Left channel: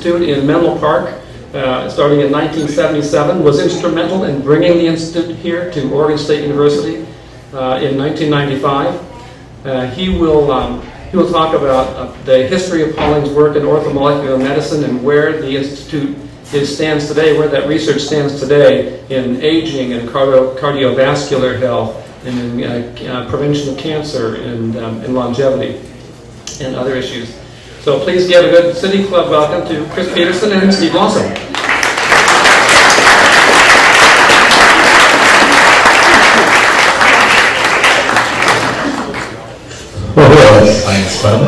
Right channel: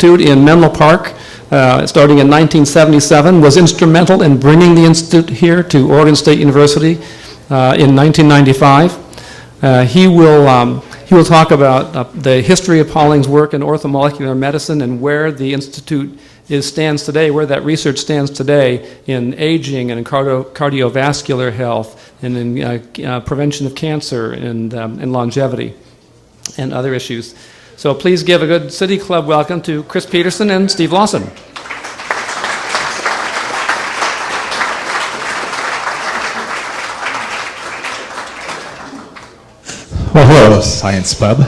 Institute in Menlo Park, starting in 1977, was instrumental in bringing the Institute here to Oregon State University in 1995. He will talk about the history of Pauling's work in orthomolecular medicine and where the Institute stands today, where that research stands today in aging and cardiovascular health and in prevention of cancer and longevity and other issues. So please give a good City Club welcome to Chris Peterson and Steve Lawson. Hello, Science Pub.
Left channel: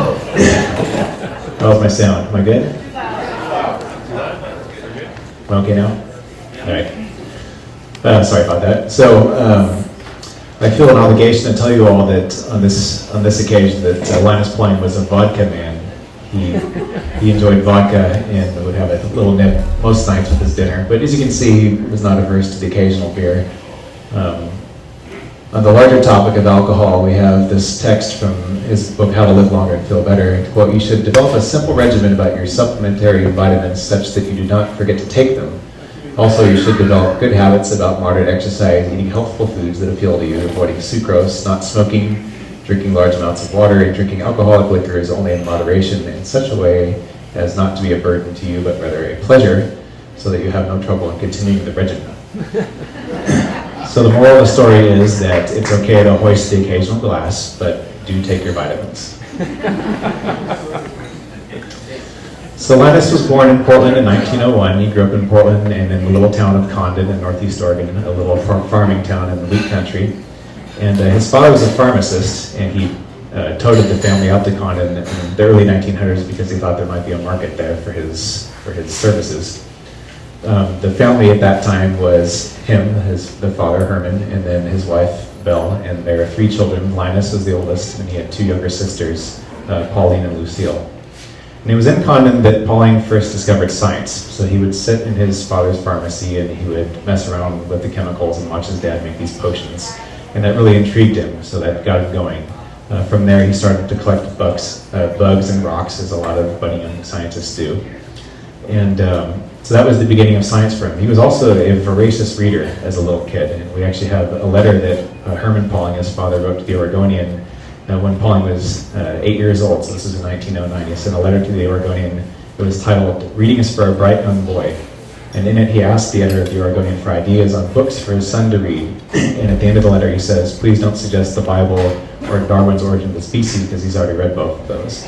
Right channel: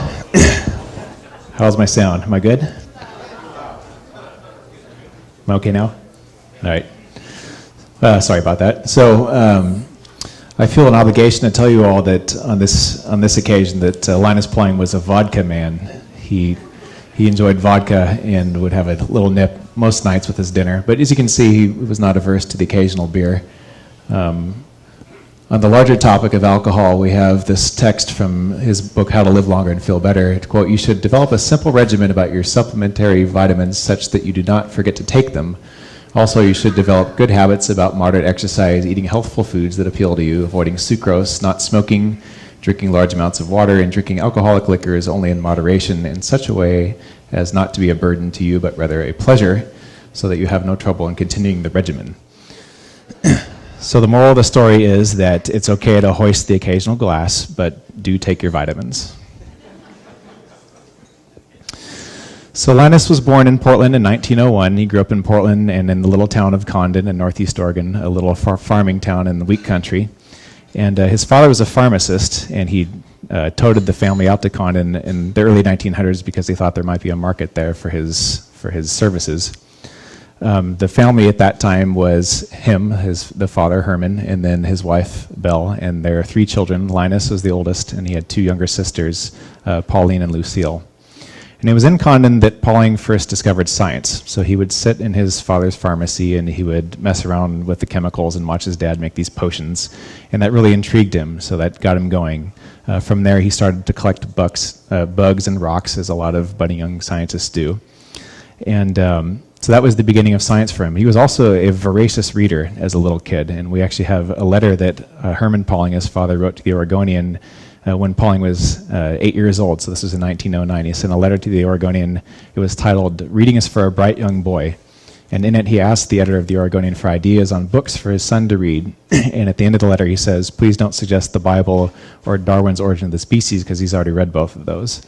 How's my sound? Am I good? Am I okay now? All right. Sorry about that. So I feel an obligation to tell you all that on this occasion that Linus Pauling was a vodka man. He enjoyed vodka and would have a little nip most nights with his dinner. But as you can see, he was not averse to the occasional beer. On the larger topic of alcohol, we have this text from his book, How to Live Longer and Feel Better. Quote, "You should develop a simple regimen about your supplementary vitamins such that you do not forget to take them. Also, you should develop good habits about moderate exercise, eating healthful foods that appeal to you, avoiding sucrose, not smoking, drinking large amounts of water, and drinking alcoholic liquors only in moderation in such a way as not to be a burden to you, but rather a pleasure, so that you have no trouble in continuing the regimen." So the moral of the story is that it's okay to hoist the occasional glass, but do take your vitamins. So Linus was born in Portland in 1901. He grew up in Portland and in the little town of Condon in northeast Oregon, a little farming town in the wheat country. And his father was a pharmacist, and he toted the family out to Condon in the early 1900s because he thought there might be a market there for his services. The family at that time was him, the father, Herman, and then his wife, Belle, and there are 3 children. Linus was the oldest, and he had 2 younger sisters, Pauline and Lucille. And it was in Condon that Pauling first discovered science. So he would sit in his father's pharmacy, and he would mess around with the chemicals and watch his dad make these potions. And that really intrigued him, so that got him going. From there, he started to collect bugs and rocks, as a lot of budding young scientists do. And so that was the beginning of science for him. He was also a voracious reader as a little kid, and we actually have a letter that Herman Pauling, his father, wrote to the Oregonian when Pauling was 8 years old, so this was in 1909. He sent a letter to the Oregonian. It was titled, "Reading is for a Bright Young Boy." And in it, he asked the editor of the Oregonian for ideas on books for his son to read. And at the end of the letter, he says, "Please don't suggest the Bible or Darwin's Origin of the Species," because he's already read both of those.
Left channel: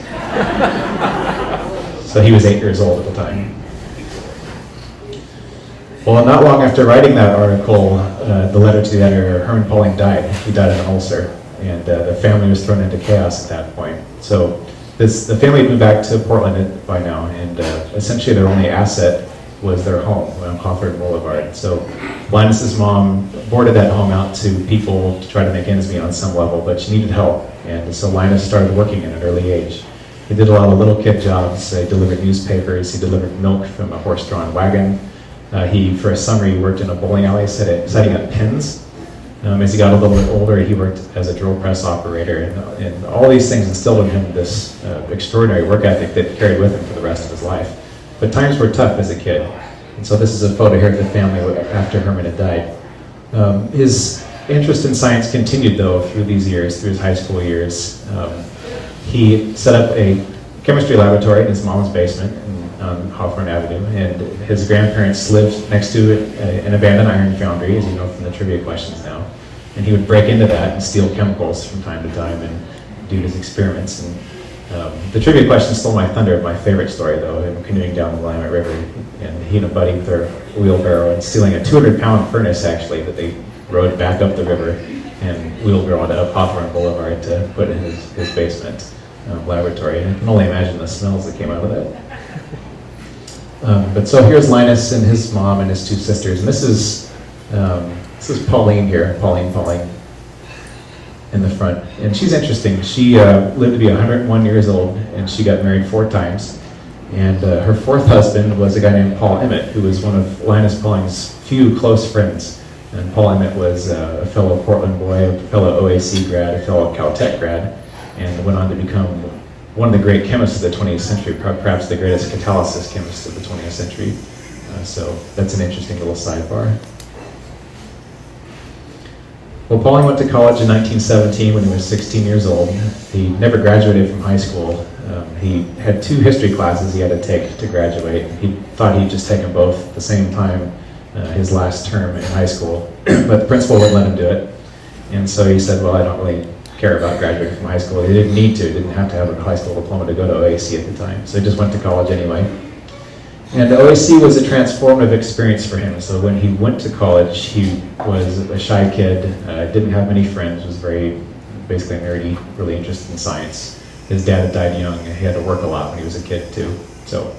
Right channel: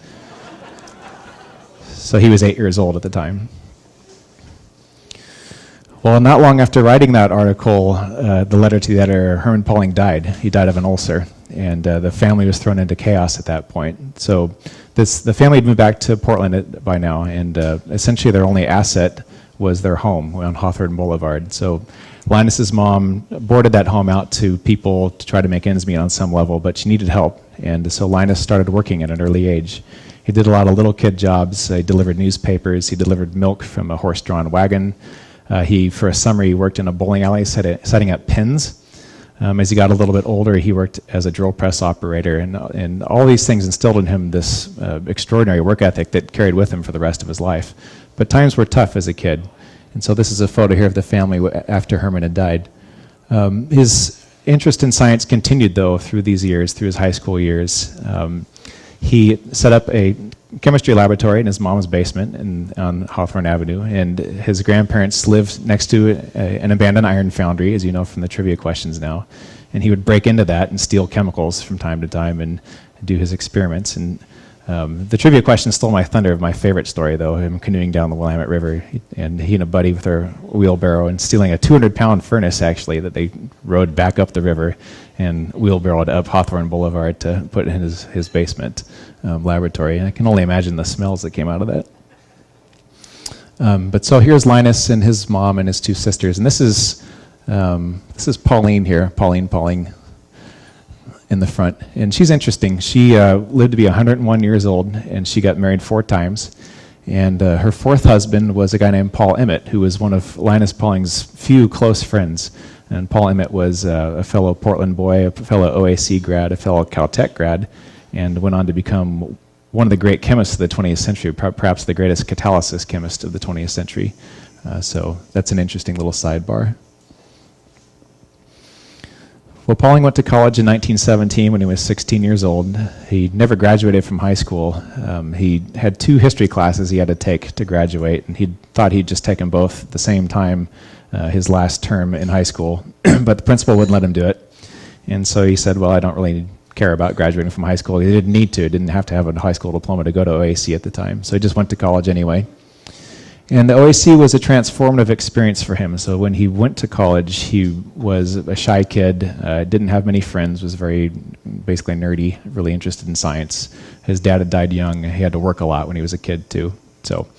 So he was 8 years old at the time. Well, not long after writing that article, the letter to the editor, Herman Pauling died. He died of an ulcer, and the family was thrown into chaos at that point. So the family had moved back to Portland by now, and essentially their only asset was their home on Hawthorne Boulevard. So Linus's mom boarded that home out to people to try to make ends meet on some level, but she needed help, and so Linus started working at an early age. He did a lot of little kid jobs. He delivered newspapers. He delivered milk from a horse-drawn wagon. For a summer, he worked in a bowling alley setting up pins. As he got a little bit older, he worked as a drill press operator, and all these things instilled in him this extraordinary work ethic that carried with him for the rest of his life. But times were tough as a kid. And so this is a photo here of the family after Herman had died. His interest in science continued, though, through these years, through his high school years. He set up a chemistry laboratory in his mom's basement on Hawthorne Avenue, and his grandparents lived next to an abandoned iron foundry, as you know from the trivia questions now. And he would break into that and steal chemicals from time to time and do his experiments. And the trivia question stole my thunder of my favorite story, though, him canoeing down the Willamette River, and he and a buddy with their wheelbarrow and stealing a 200-pound furnace, actually, that they rode back up the river and wheelbarrowed up Hawthorne Boulevard to put in his basement laboratory. And I can only imagine the smells that came out of it. But so here's Linus and his mom and his 2 sisters, and this is Pauline here, Pauling in the front. And she's interesting. She lived to be 101 years old, and she got married 4 times. And her 4th husband was a guy named Paul Emmett, who was one of Linus Pauling's few close friends. And Paul Emmett was a fellow Portland boy, a fellow OAC grad, a fellow Caltech grad, and went on to become one of the great chemists of the 20th century, perhaps the greatest catalysis chemist of the 20th century. So that's an interesting little sidebar. Well, Pauling went to college in 1917 when he was 16 years old. He never graduated from high school. He had 2 history classes he had to take to graduate. He thought he'd just take them both at the same time his last term in high school, but the principal wouldn't let him do it. And so he said, well, I don't really care about graduating from high school. He didn't need to, didn't have to have a high school diploma to go to OAC at the time. So he just went to college anyway. And OAC was a transformative experience for him. So when he went to college, he was a shy kid, didn't have many friends, was very basically nerdy, really interested in science. His dad had died young, and he had to work a lot when he was a kid too. So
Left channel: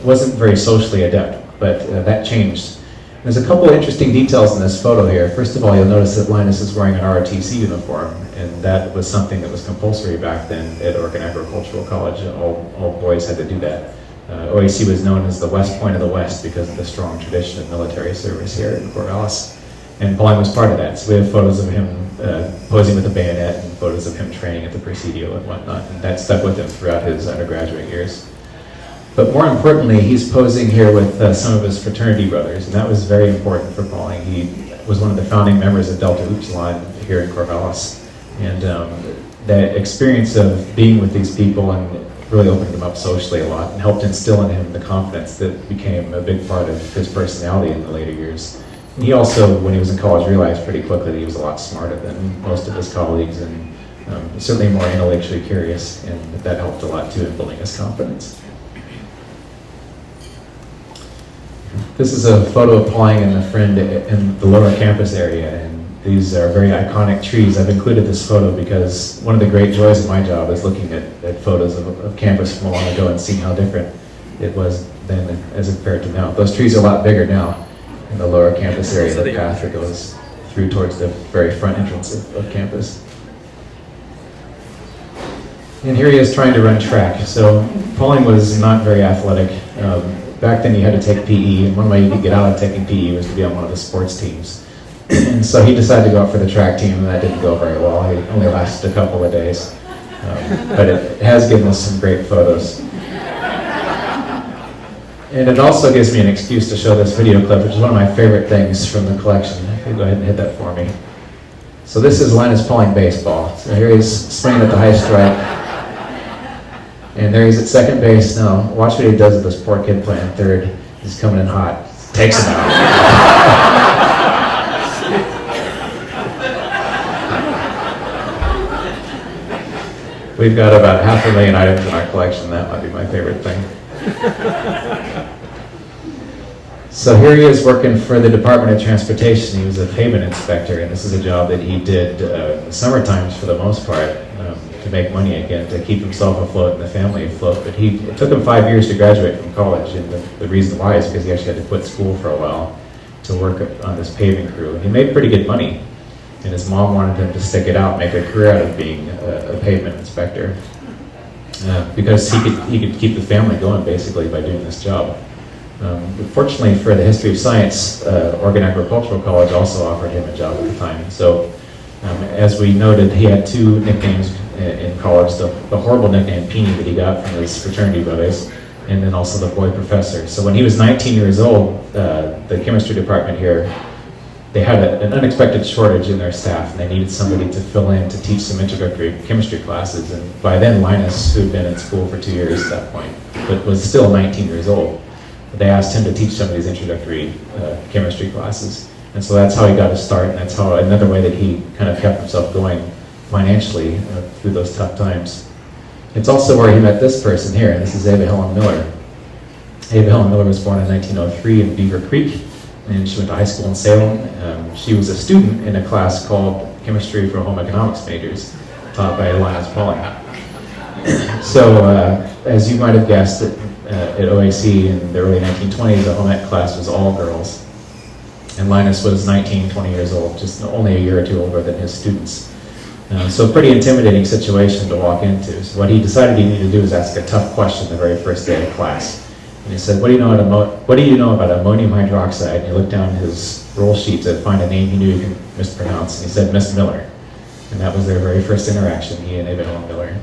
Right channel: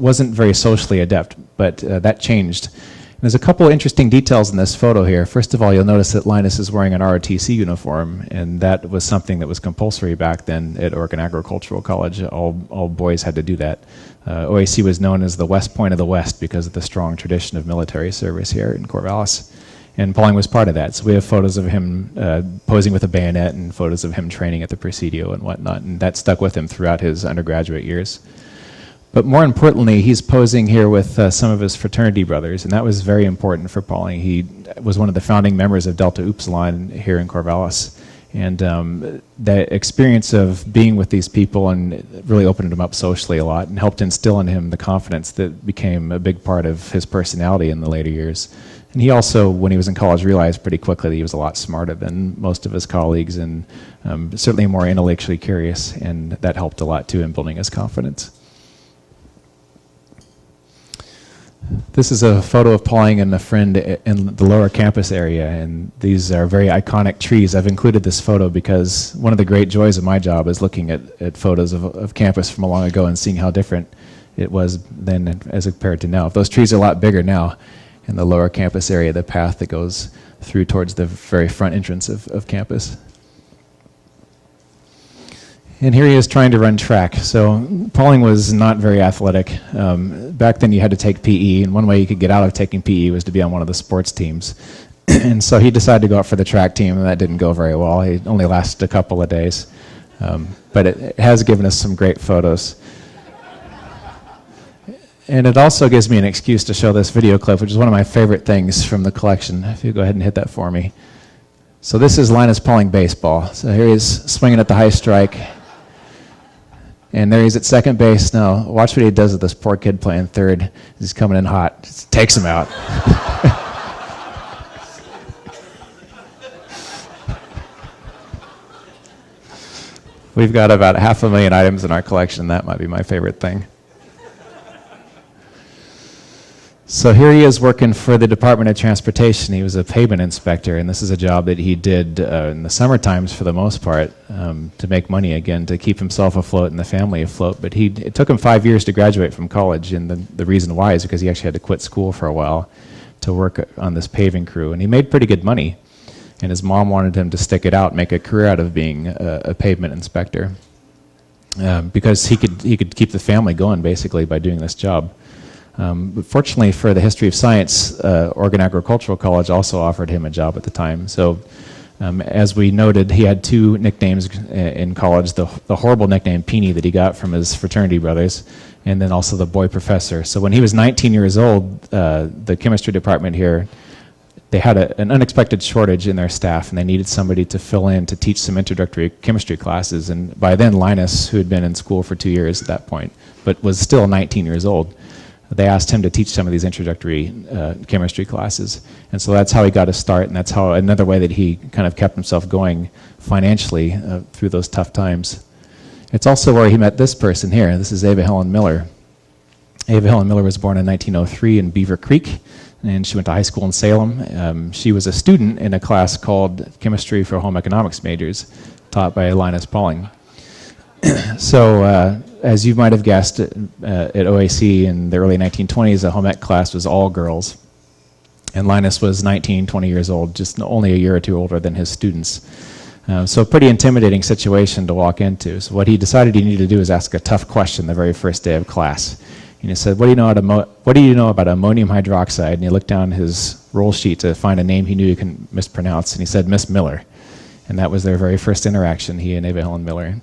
wasn't very socially adept, but that changed. There's a couple of interesting details in this photo here. First of all, you'll notice that Linus is wearing an ROTC uniform, and that was something that was compulsory back then at Oregon Agricultural College. All boys had to do that. OAC was known as the West Point of the West because of the strong tradition of military service here in Corvallis. And Pauling was part of that. So we have photos of him posing with a bayonet and photos of him training at the Presidio and whatnot. And that stuck with him throughout his undergraduate years. But more importantly, he's posing here with some of his fraternity brothers. And that was very important for Pauling. He was one of the founding members of Delta Upsilon here in Corvallis. And that experience of being with these people and really opened him up socially a lot and helped instill in him the confidence that became a big part of his personality in the later years. And he also, when he was in college, realized pretty quickly that he was a lot smarter than most of his colleagues and certainly more intellectually curious, and that helped a lot too in building his confidence. This is a photo of Pauling and a friend in the lower campus area, and these are very iconic trees. I've included this photo because one of the great joys of my job is looking at photos of campus from long ago and seeing how different it was then as compared to now. Those trees are a lot bigger now in the lower campus area, the path that goes through towards the very front entrance of campus. And here he is trying to run track. So Pauling was not very athletic. Back then you had to take PE, and one way you could get out of taking PE was to be on one of the sports teams. And so he decided to go up for the track team, and that didn't go very well. He only lasted a couple of days. But it has given us some great photos. And it also gives me an excuse to show this video clip, which is one of my favorite things from the collection. If you go ahead and hit that for me. So this is Linus Pauling baseball. So here he's swinging at the high strike. And there he's at second base. Now, watch what he does with this poor kid playing third. He's coming in hot. Takes him out. We've got about 500,000 items in our collection. That might be my favorite thing. So here he is working for the Department of Transportation. He was a pavement inspector, and this is a job that he did in the summer times for the most part to make money again, to keep himself afloat and the family afloat. But it took him 5 years to graduate from college, and the reason why is because he actually had to quit school for a while to work on this paving crew. And he made pretty good money, and his mom wanted him to stick it out, make a career out of being a pavement inspector, because he could keep the family going basically by doing this job. Fortunately for the history of science, Oregon Agricultural College also offered him a job at the time. So as we noted, he had 2 nicknames in college, the horrible nickname Peony that he got from his fraternity brothers, and then also the boy professor. So when he was 19 years old, the chemistry department here, they had an unexpected shortage in their staff, and they needed somebody to fill in to teach some introductory chemistry classes. And by then, Linus, who had been in school for 2 years at that point, but was still 19 years old, they asked him to teach some of these introductory chemistry classes. And so that's how he got his start, and that's how another way that he kind of kept himself going financially through those tough times. It's also where he met this person here. This is Ava Helen Miller. Ava Helen Miller was born in 1903 in Beaver Creek, and she went to high school in Salem. She was a student in a class called Chemistry for Home Economics Majors, taught by Linus Pauling. So, as you might have guessed, at OAC in the early 1920s, the home ec class was all girls. And Linus was 19, 20 years old, just only a year or 2 older than his students. So a pretty intimidating situation to walk into. So what he decided he needed to do was ask a tough question the very first day of class. And he said, what do you know about ammonium hydroxide? And he looked down his roll sheet to find a name he knew he could mispronounce. And he said, Miss Miller. And that was their very first interaction, he and Ava Helen Miller.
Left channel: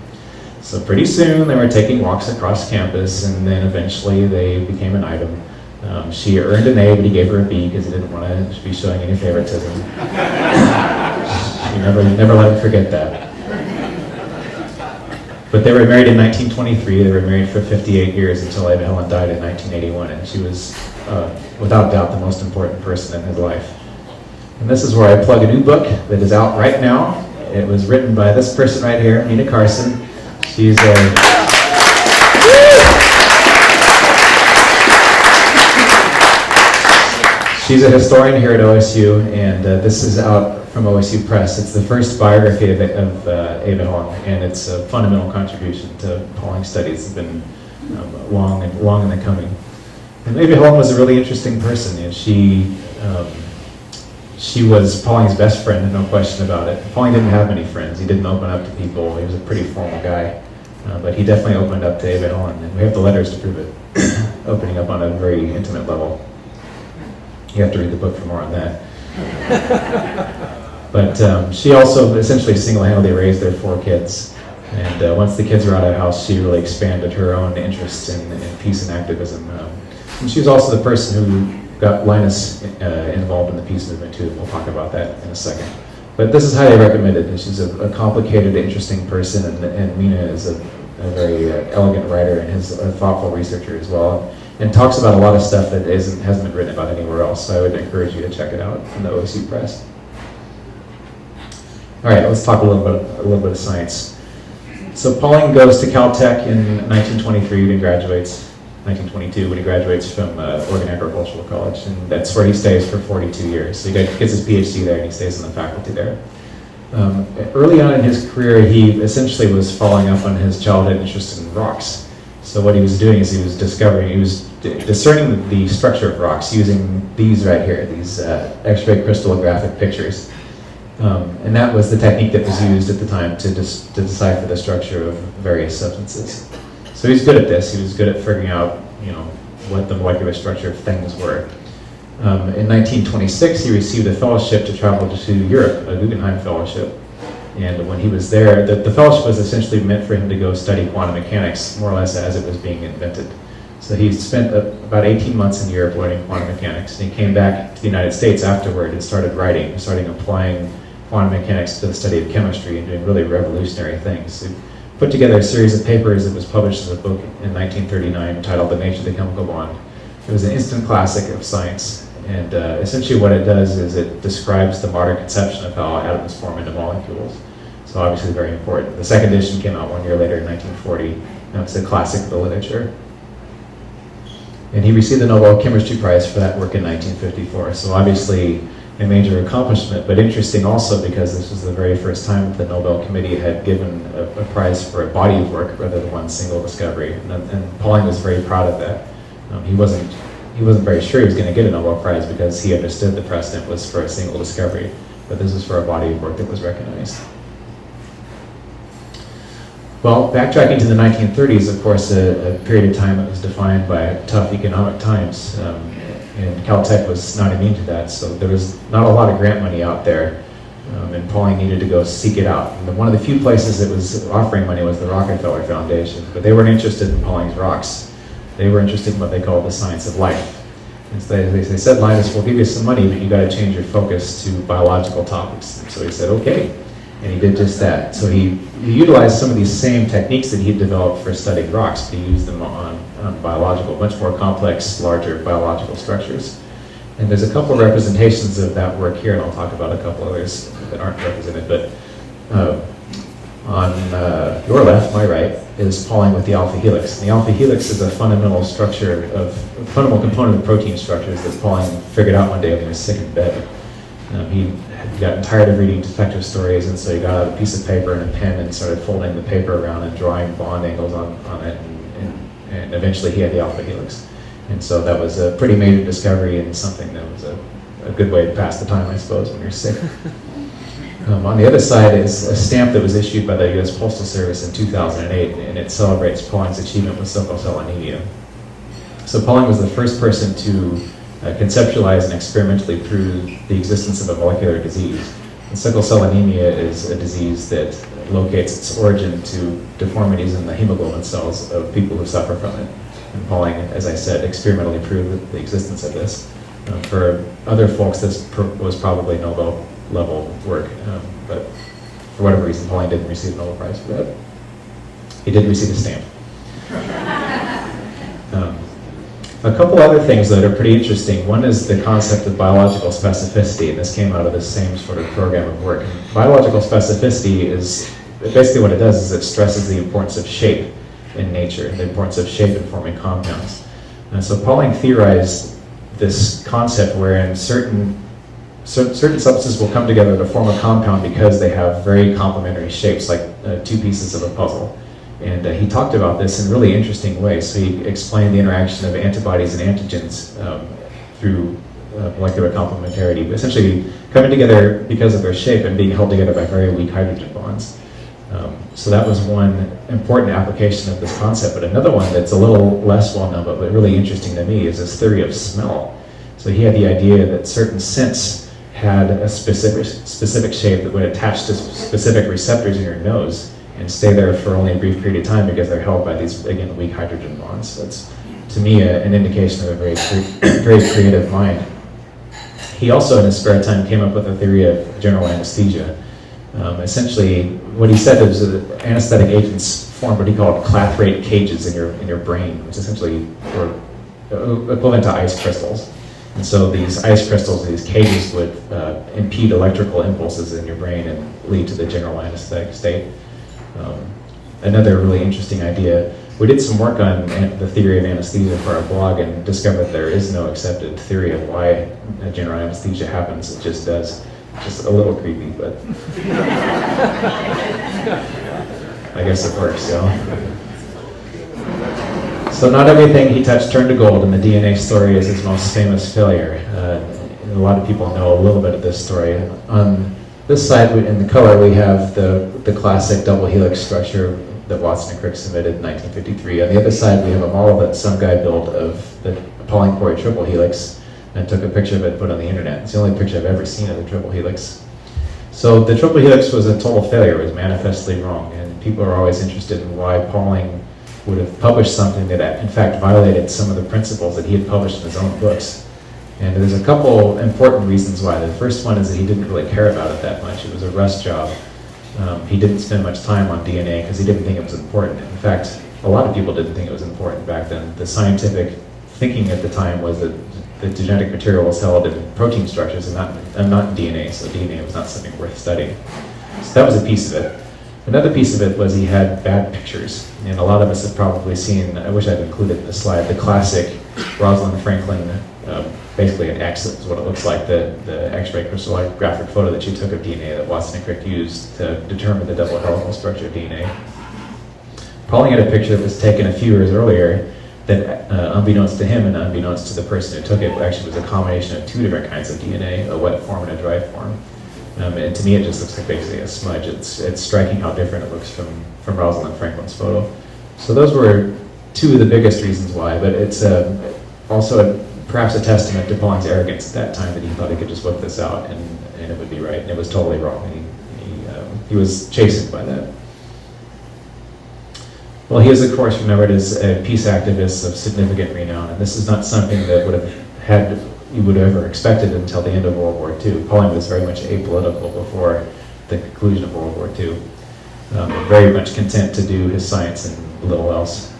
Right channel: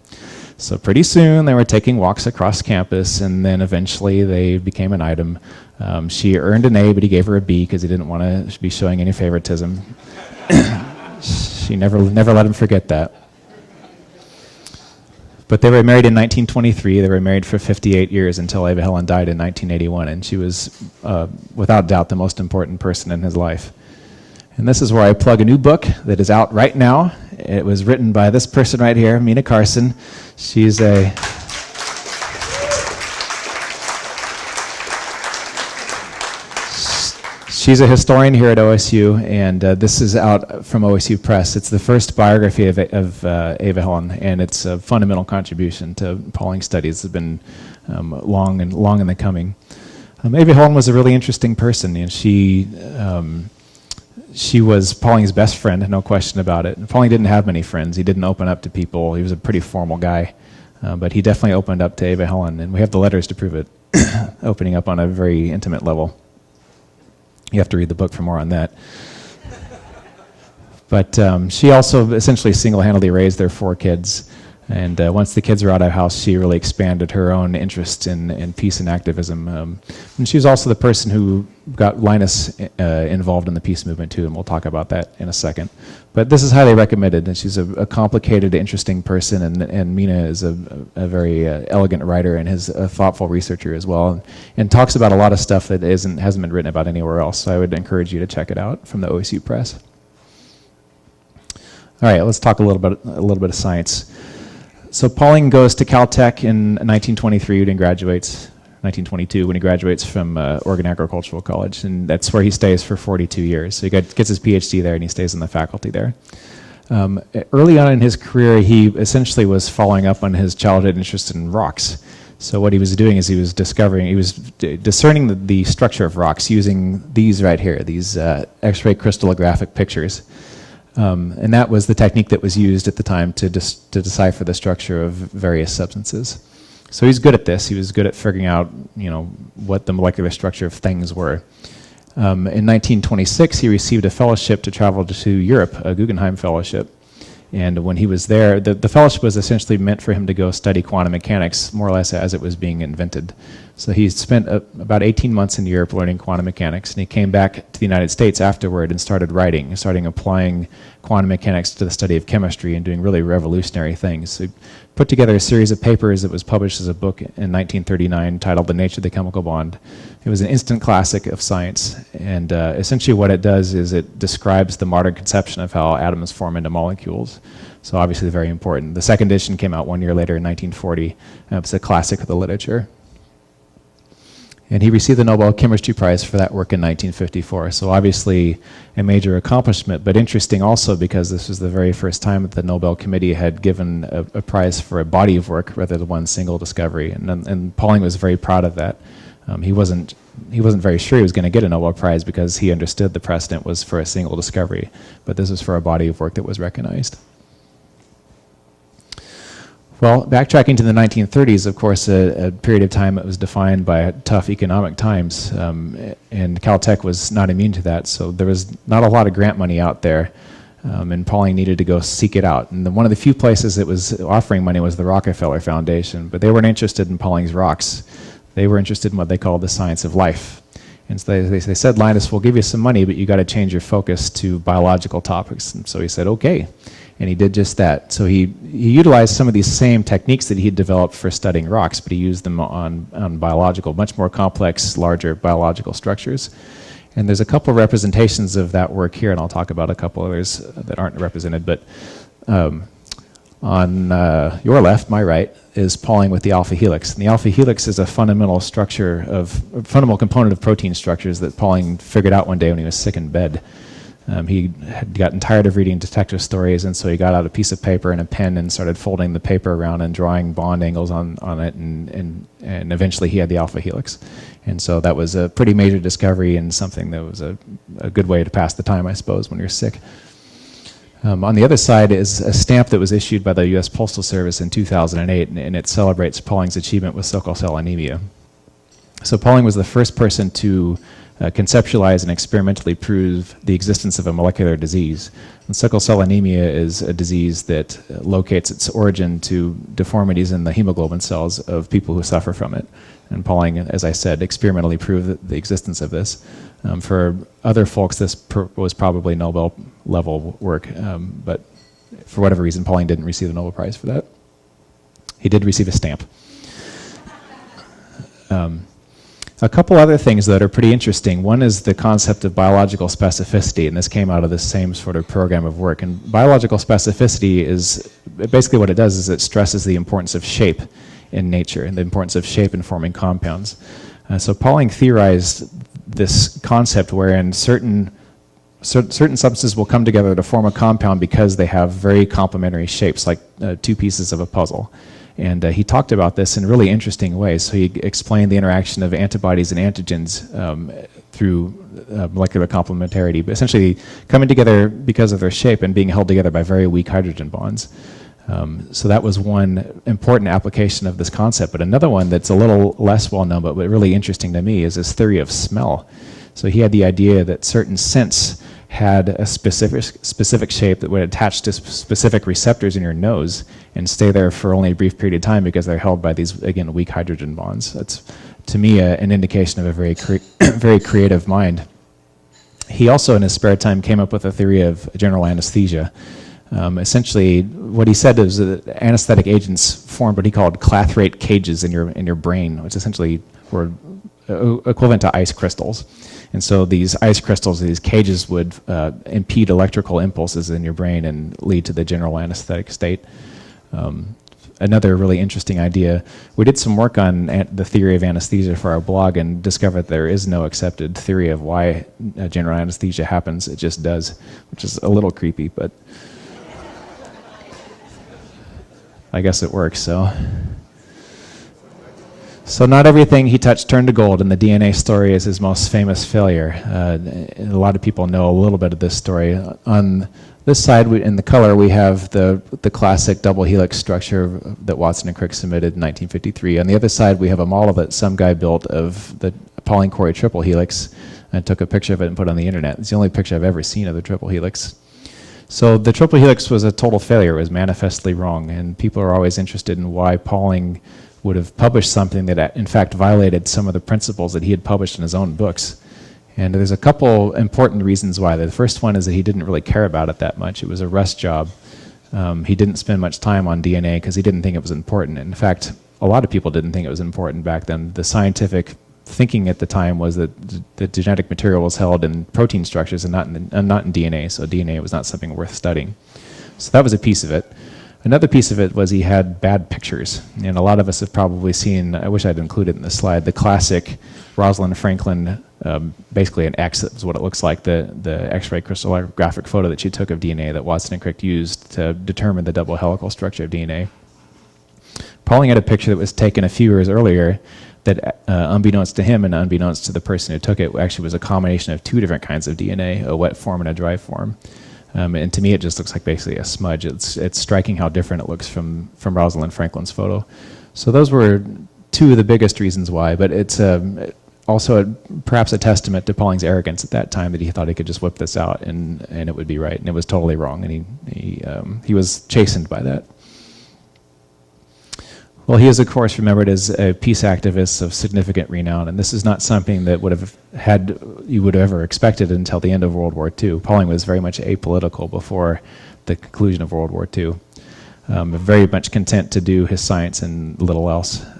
So pretty soon they were taking walks across campus, and then eventually they became an item. She earned an A, but he gave her a B because he didn't want to be showing any favoritism. She never let him forget that. But they were married in 1923. They were married for 58 years until Eva Helen died in 1981, and she was, without doubt, the most important person in his life. And this is where I plug a new book that is out right now. It was written by this person right here, Mina Carson. She's a... She's a historian here at OSU, and this is out from OSU Press. It's the first biography of Eva Helen, and it's a fundamental contribution to Pauling studies that have been long in the coming. And Eva Helen was a really interesting person, and she was Pauling's best friend, and no question about it. Pauling didn't have many friends. He didn't open up to people. He was a pretty formal guy, but he definitely opened up to Eva Helen, and we have the letters to prove it, opening up on a very intimate level. You have to read the book for more on that. But she also essentially single-handedly raised their 4 kids. And once the kids were out of the house, she really expanded her own interest in peace and activism. And she was also the person who got Linus involved in the peace movement too. We'll talk about that in a second. But this is highly recommended. And she's a complicated, interesting person. And Mina is a very elegant writer and is a thoughtful researcher as well. And talks about a lot of stuff that hasn't been written about anywhere else. So I would encourage you to check it out from the OSU Press. All right, let's talk a little bit of science. So Pauling goes to Caltech in 1923 when he graduates, 1922 when he graduates from Oregon Agricultural College, and that's where he stays for 42 years. So he gets his PhD there, and he stays in the faculty there. Early on in his career, he essentially was following up on his childhood interest in rocks. So what he was doing is he was discerning the structure of rocks using these right here, these X-ray crystallographic pictures. And that was the technique that was used at the time to decipher the structure of various substances. So he's good at this. He was good at figuring out, what the molecular structure of things were. In 1926, he received a fellowship to travel to Europe, a Guggenheim Fellowship. And when he was there, the fellowship was essentially meant for him to go study quantum mechanics, more or less as it was being invented. So he spent about 18 months in Europe learning quantum mechanics, and he came back to the United States afterward and started writing, starting applying quantum mechanics to the study of chemistry and doing really revolutionary things. So he put together a series of papers that was published as a book in 1939 titled The Nature of the Chemical Bond. It was an instant classic of science, and essentially what it does is it describes the modern conception of how atoms form into molecules. So obviously very important. The second edition came out 1 year later in 1940, and it's a classic of the literature. And he received the Nobel Chemistry Prize for that work in 1954, so obviously a major accomplishment, but interesting also because this was the very first time that the Nobel Committee had given a prize for a body of work rather than one single discovery, and Pauling was very proud of that. He wasn't very sure he was going to get a Nobel Prize because he understood the precedent was for a single discovery, but this was for a body of work that was recognized. Well, backtracking to the 1930s, of course, a period of time that was defined by tough economic times, and Caltech was not immune to that, so there was not a lot of grant money out there, and Pauling needed to go seek it out. And one of the few places that was offering money was the Rockefeller Foundation, but they weren't interested in Pauling's rocks. They were interested in what they called the science of life. And so they said, Linus, we'll give you some money, but you got to change your focus to biological topics. And so he said, okay. And he did just that. So he utilized some of these same techniques that he had developed for studying rocks, but he used them on biological, much more complex, larger biological structures. And there's a couple of representations of that work here, and I'll talk about a couple others that aren't represented. But on your left, my right, is Pauling with the alpha helix. And the alpha helix is a fundamental fundamental component of protein structures that Pauling figured out one day when he was sick in bed. He had gotten tired of reading detective stories, and so he got out a piece of paper and a pen and started folding the paper around and drawing bond angles on it, and eventually he had the alpha helix. And so that was a pretty major discovery and something that was a good way to pass the time, I suppose, when you're sick. On the other side is a stamp that was issued by the U.S. Postal Service in 2008, and it celebrates Pauling's achievement with sickle cell anemia. So Pauling was the first person to conceptualize and experimentally prove the existence of a molecular disease. And sickle cell anemia is a disease that locates its origin to deformities in the hemoglobin cells of people who suffer from it. And Pauling, as I said, experimentally proved the existence of this. For other folks, this was probably Nobel level work, but for whatever reason, Pauling didn't receive a Nobel Prize for that. He did receive a stamp. A couple other things that are pretty interesting. One is the concept of biological specificity, and this came out of the same sort of program of work. And biological specificity is, basically what it does is it stresses the importance of shape in nature, and the importance of shape in forming compounds. And so Pauling theorized this concept wherein certain substances will come together to form a compound because they have very complementary shapes, like two pieces of a puzzle. And he talked about this in really interesting ways. So he explained the interaction of antibodies and antigens through molecular complementarity, but essentially coming together because of their shape and being held together by very weak hydrogen bonds. So that was one important application of this concept. But another one that's a little less well known, but really interesting to me, is this theory of smell. So he had the idea that certain scents had a specific shape that would attach to specific receptors in your nose and stay there for only a brief period of time because they're held by these, again, weak hydrogen bonds. That's, to me, an indication of a very creative mind. He also, in his spare time, came up with a theory of general anesthesia. Essentially, what he said is that anesthetic agents form what he called clathrate cages in your brain, which essentially were equivalent to ice crystals. And so these ice crystals, these cages, would impede electrical impulses in your brain and lead to the general anesthetic state. Another really interesting idea, we did some work on the theory of anesthesia for our blog and discovered that there is no accepted theory of why general anesthesia happens. It just does. It's just a little creepy, but I guess it works, so. So not everything he touched turned to gold, and the DNA story is his most famous failure. A lot of people know a little bit of this story. On this side, in the color, we have the classic double helix structure that Watson and Crick submitted in 1953. On the other side, we have a model that some guy built of the Pauling-Corey triple helix and took a picture of it and put it on the internet. It's the only picture I've ever seen of the triple helix. So the triple helix was a total failure. It was manifestly wrong, and people are always interested in why Pauling would have published something that in fact violated some of the principles that he had published in his own books. And there's a couple important reasons why. The first one is that he didn't really care about it that much. It was a rust job. He didn't spend much time on DNA because he didn't think it was important. In fact, a lot of people didn't think it was important back then. The scientific thinking at the time was that the genetic material was held in protein structures and not in DNA, so DNA was not something worth studying. So that was a piece of it. Another piece of it was he had bad pictures, and a lot of us have probably seen, I wish I'd included in the slide, the classic Rosalind Franklin, basically an X, that's what it looks like, the X-ray crystallographic photo that she took of DNA that Watson and Crick used to determine the double helical structure of DNA. Pauling had a picture that was taken a few years earlier that, unbeknownst to him and unbeknownst to the person who took it, actually was a combination of two different kinds of DNA, a wet form and a dry form. And to me, it just looks like basically a smudge. It's striking how different it looks from Rosalind Franklin's photo. So those were two of the biggest reasons why, but it's also perhaps a testament to Pauling's arrogance at that time that he thought he could just whip this out and it would be right, and it was totally wrong, and he was chastened by that. Well, he is, of course, remembered as a peace activist of significant renown, and this is not something that you would have ever expected until the end of World War II. Pauling was very much apolitical before the conclusion of World War II. Very much content to do his science and little else.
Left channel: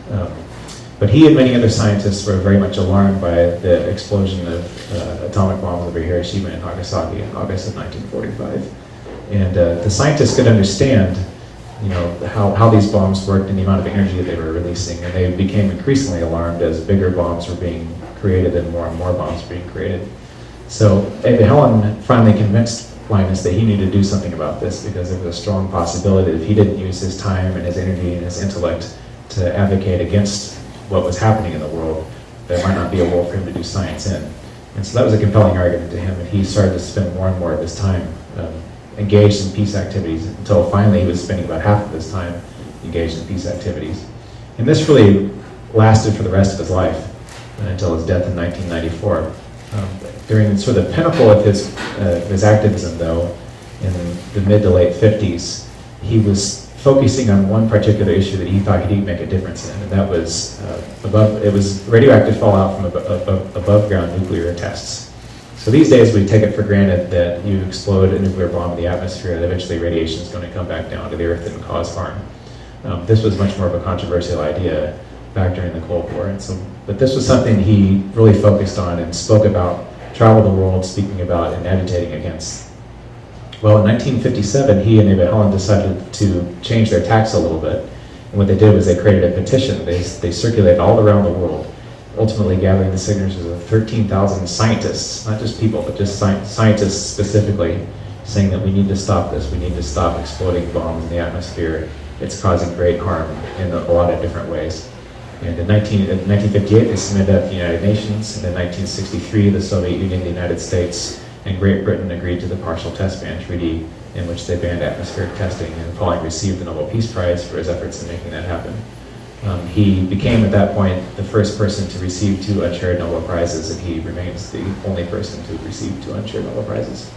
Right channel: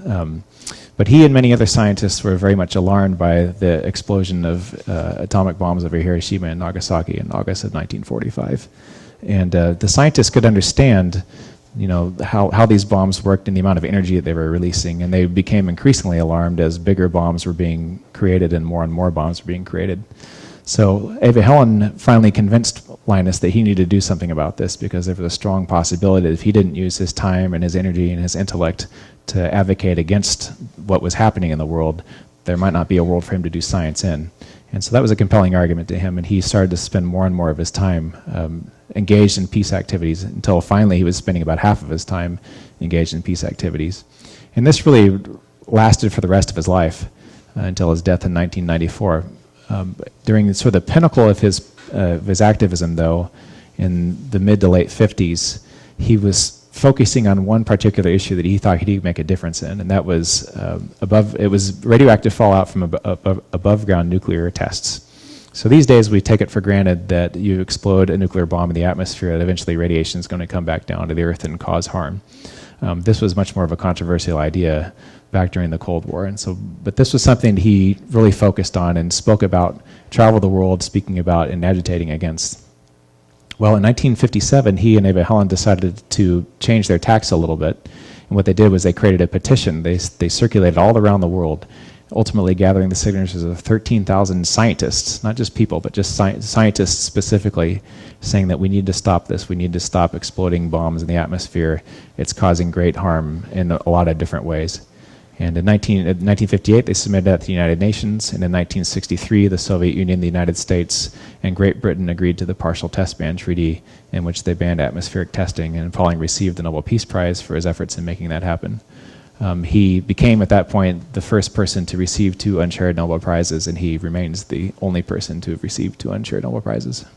But he and many other scientists were very much alarmed by the explosion of atomic bombs over Hiroshima and Nagasaki in August of 1945. And the scientists could understand how these bombs worked and the amount of energy that they were releasing, and they became increasingly alarmed as bigger bombs were being created and more bombs were being created. So Eva Helen finally convinced Linus that he needed to do something about this because there was a strong possibility that if he didn't use his time and his energy and his intellect to advocate against what was happening in the world, there might not be a world for him to do science in. And so that was a compelling argument to him, and he started to spend more and more of his time engaged in peace activities until finally he was spending about half of his time engaged in peace activities. And this really lasted for the rest of his life until his death in 1994. During sort of the pinnacle of his activism, though, in the mid to late 50s, he was focusing on one particular issue that he thought he'd make a difference in, and that was it was radioactive fallout from above ground nuclear tests. So these days we take it for granted that you explode a nuclear bomb in the atmosphere and eventually radiation is going to come back down to the earth and cause harm. This was much more of a controversial idea back during the Cold War, but this was something he really focused on and spoke about, traveled the world speaking about and agitating against. Well, in 1957, he and Eva Helen decided to change their tacks a little bit. And what they did was they created a petition. They circulated all around the world, ultimately gathering the signatures of 13,000 scientists, not just people, but just scientists specifically, saying that we need to stop this. We need to stop exploding bombs in the atmosphere. It's causing great harm in a lot of different ways. And in 1958, they submitted that to the United Nations. And in 1963, the Soviet Union, the United States, and Great Britain agreed to the Partial Test Ban Treaty, in which they banned atmospheric testing, and Pauling received the Nobel Peace Prize for his efforts in making that happen. He became, at that point, the first person to receive 2 unshared Nobel Prizes, and he remains the only person to receive 2 unshared Nobel Prizes.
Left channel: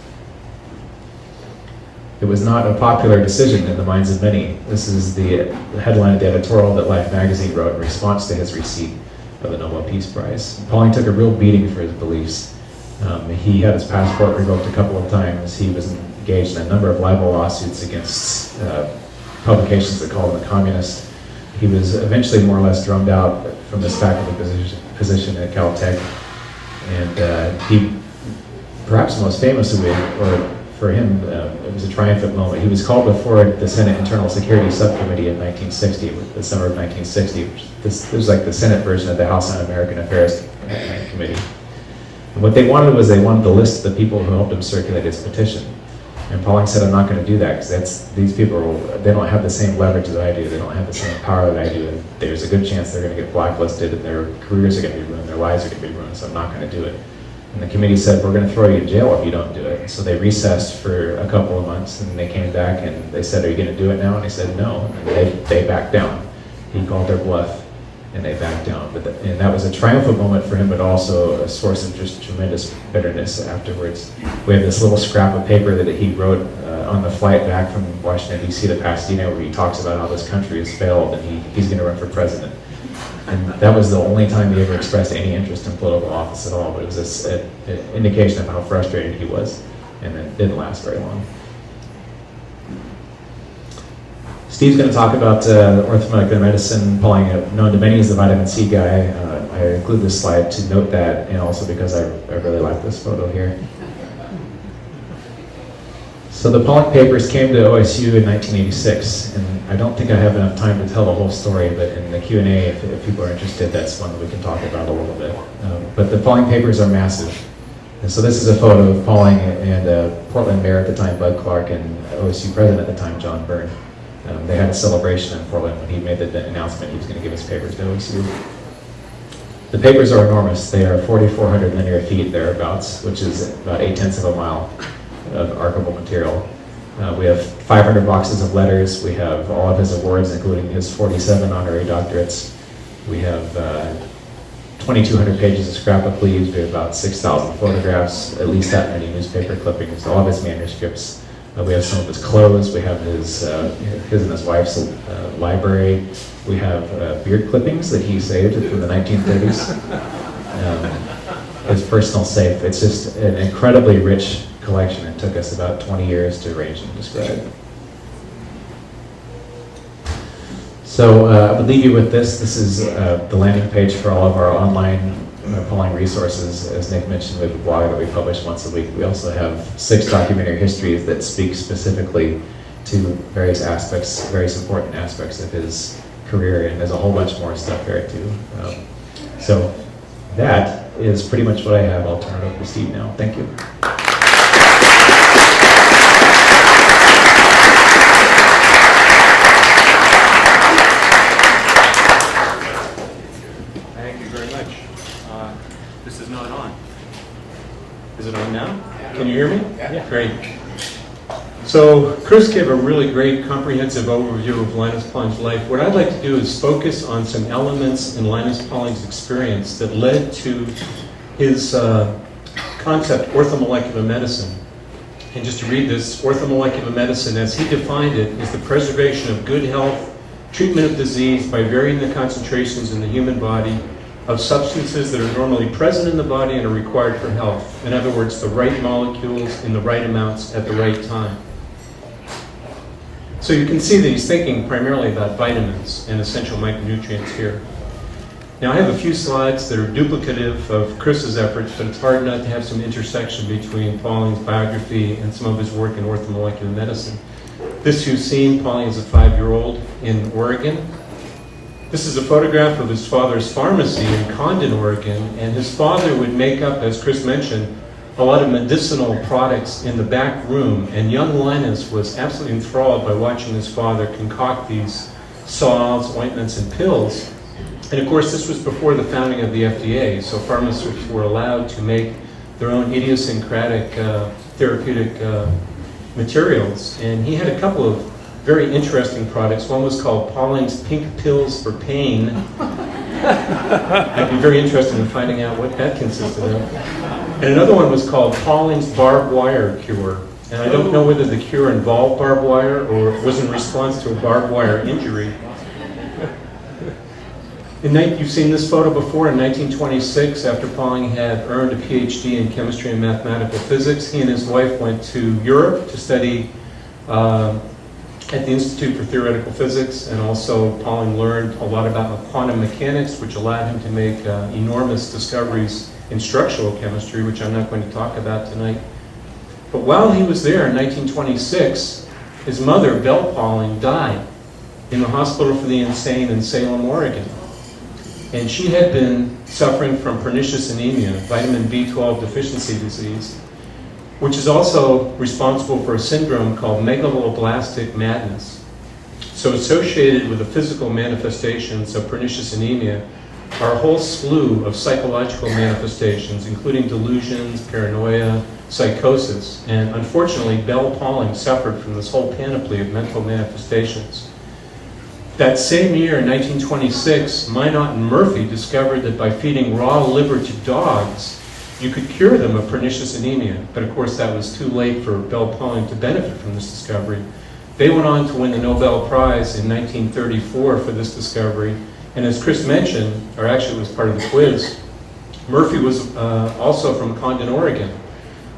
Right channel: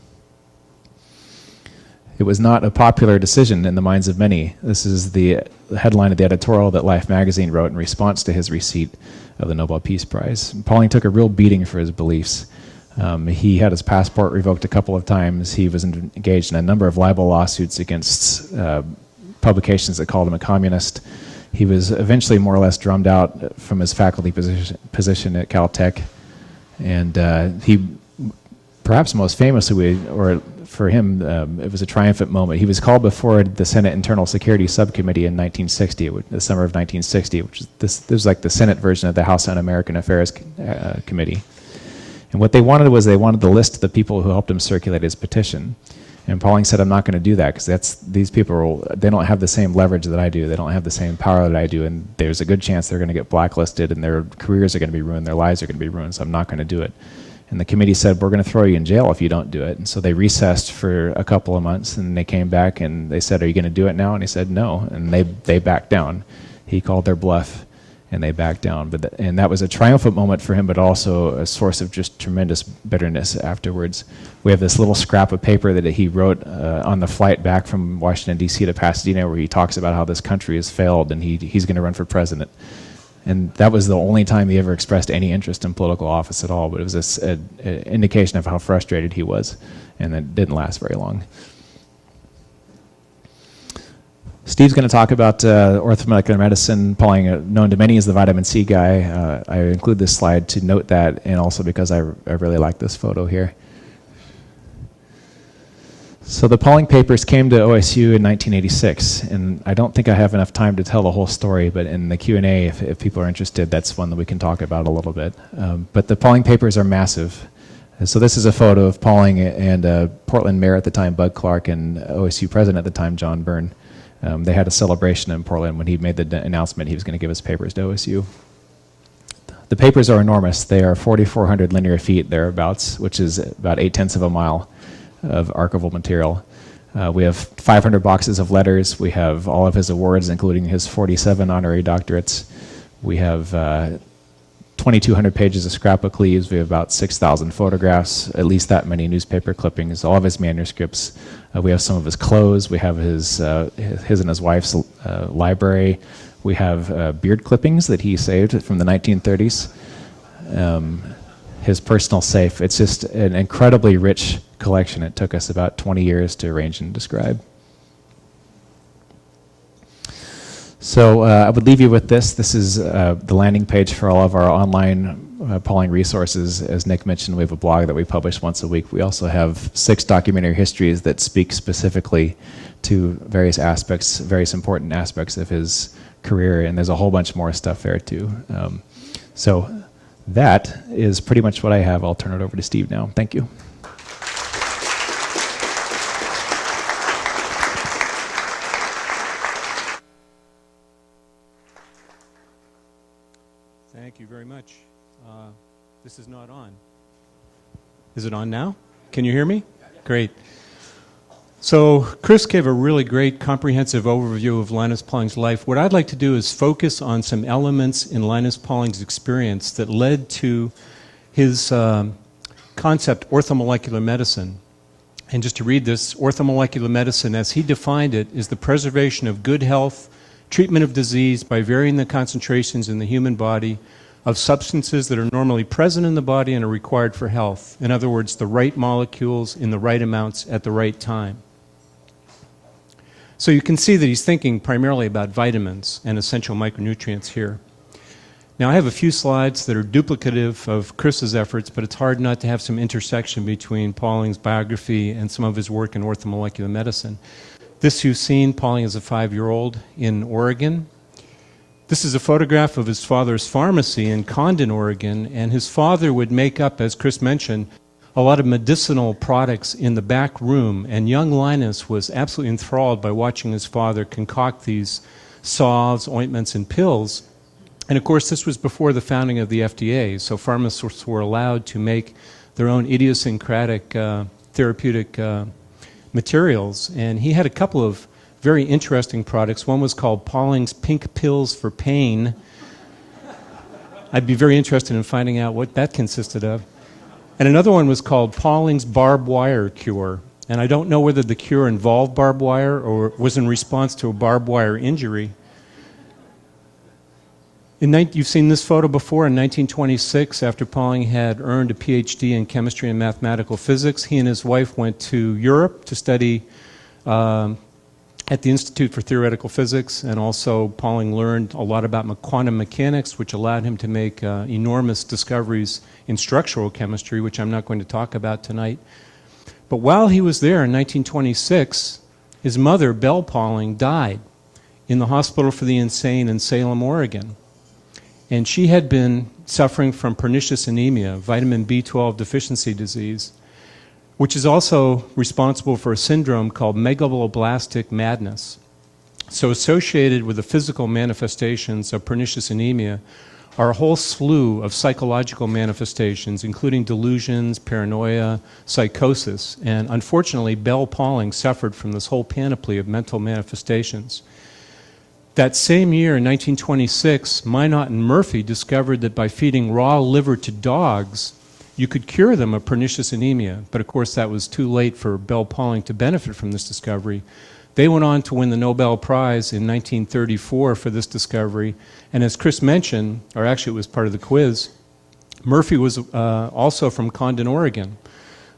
It was not a popular decision in the minds of many. This is the headline of the editorial that Life magazine wrote in response to his receipt of the Nobel Peace Prize. Pauling took a real beating for his beliefs. He had his passport revoked a couple of times. He was engaged in a number of libel lawsuits against publications that called him a communist. He was eventually more or less drummed out from his faculty position at Caltech. And he, perhaps most famously, or for him, it was a triumphant moment. He was called before the Senate Internal Security Subcommittee in 1960, the summer of 1960, which this was like the Senate version of the House Un-American Affairs Committee. And what they wanted was they wanted to list the people who helped him circulate his petition. And Pauling said, I'm not going to do that because these people, they don't have the same leverage that I do. They don't have the same power that I do. And there's a good chance they're going to get blacklisted and their careers are going to be ruined, their lives are going to be ruined, so I'm not going to do it. And the committee said, we're going to throw you in jail if you don't do it. And so they recessed for a couple of months and they came back and they said, are you going to do it now? And he said, no. And they backed down. He called their bluff and they backed down. And that was a triumphant moment for him, but also a source of just tremendous bitterness afterwards. We have this little scrap of paper that he wrote on the flight back from Washington, D.C. to Pasadena, where he talks about how this country has failed and he's going to run for president. And that was the only time he ever expressed any interest in political office at all, but it was this an indication of how frustrated he was, and it didn't last very long. Steve's going to talk about orthomolecular medicine. Pauling, known to many as the vitamin C guy. I include this slide to note that, and also because I really like this photo here. So the Pauling papers came to OSU in 1986, and I don't think I have enough time to tell the whole story, but in the Q&A, if people are interested, that's one that we can talk about a little bit. But the Pauling papers are massive. And so this is a photo of Pauling and Portland Mayor at the time, Bud Clark, and OSU President at the time, John Byrne. They had a celebration in Portland when he made the announcement he was going to give his papers to OSU. The papers are enormous. They are 4,400 linear feet thereabouts, which is about 8/10 of a mile of archival material. We have 500 boxes of letters. We have all of his awards, including his 47 honorary doctorates. We have 2,200 pages of scrapbook leaves. We have about 6,000 photographs, at least that many newspaper clippings, all of his manuscripts. We have some of his clothes. We have his and his wife's library. We have beard clippings that he saved from the 1930s. His personal safe. It's just an incredibly rich collection. It took us about 20 years to arrange and describe. So I would leave you with this. This is the landing page for all of our online Pauling resources. As Nick mentioned, we have a blog that we publish once a week. We also have 6 documentary histories that speak specifically to various aspects, various important aspects of his career, and there's a whole bunch more stuff there too. So that is pretty much what I have. I'll turn it over to Steve now. Thank you. Is it on now? Can you hear me? Yeah. Great. So Chris gave a really great comprehensive overview of Linus Pauling's life. What I'd like to do is focus on some elements in Linus Pauling's experience that led to his concept, orthomolecular medicine. And just to read this, orthomolecular medicine, as he defined it, is the preservation of good health, treatment of disease by varying the concentrations in the human body of substances that are normally present in the body and are required for health. In other words, the right molecules in the right amounts at the right time. So you can see that he's thinking primarily about vitamins and essential micronutrients here. Now I have a few slides that are duplicative of Chris's efforts, but it's hard not to have some intersection between Pauling's biography and some of his work in orthomolecular medicine. This you've seen, Pauling is a 5-year-old in Oregon. This is a photograph of his father's pharmacy in Condon, Oregon, and his father would make up, as Chris mentioned, a lot of medicinal products in the back room, and young Linus was absolutely enthralled by watching his father concoct these salves, ointments, and pills. And of course, this was before the founding of the FDA, so pharmacists were allowed to make their own idiosyncratic therapeutic materials. And he had a couple of very interesting products. One was called Pauling's Pink Pills for Pain. I'd be very interested in finding out what that consisted of. And another one was called Pauling's Barbed Wire Cure. And I don't know whether the cure involved barbed wire or was in response to a barbed wire injury. You've seen this photo before. In 1926, after Pauling had earned a PhD in chemistry and mathematical physics, he and his wife went to Europe to study at the Institute for Theoretical Physics, and also Pauling learned a lot about quantum mechanics, which allowed him to make enormous discoveries in structural chemistry, which I'm not going to talk about tonight. But while he was there in 1926, his mother, Belle Pauling, died in the Hospital for the Insane in Salem, Oregon. And she had been suffering from pernicious anemia, vitamin B12 deficiency disease, which is also responsible for a syndrome called megaloblastic madness. So associated with the physical manifestations of pernicious anemia are a whole slew of psychological manifestations, including delusions, paranoia, psychosis. And unfortunately, Belle Pauling suffered from this whole panoply of mental manifestations. That same year, in 1926, Minot and Murphy discovered that by feeding raw liver to dogs, you could cure them of pernicious anemia. But of course, that was too late for Belle Pauling to benefit from this discovery. They went on to win the Nobel Prize in 1934 for this discovery. And as Chris mentioned, or actually it was part of the quiz, Murphy was also from Condon, Oregon.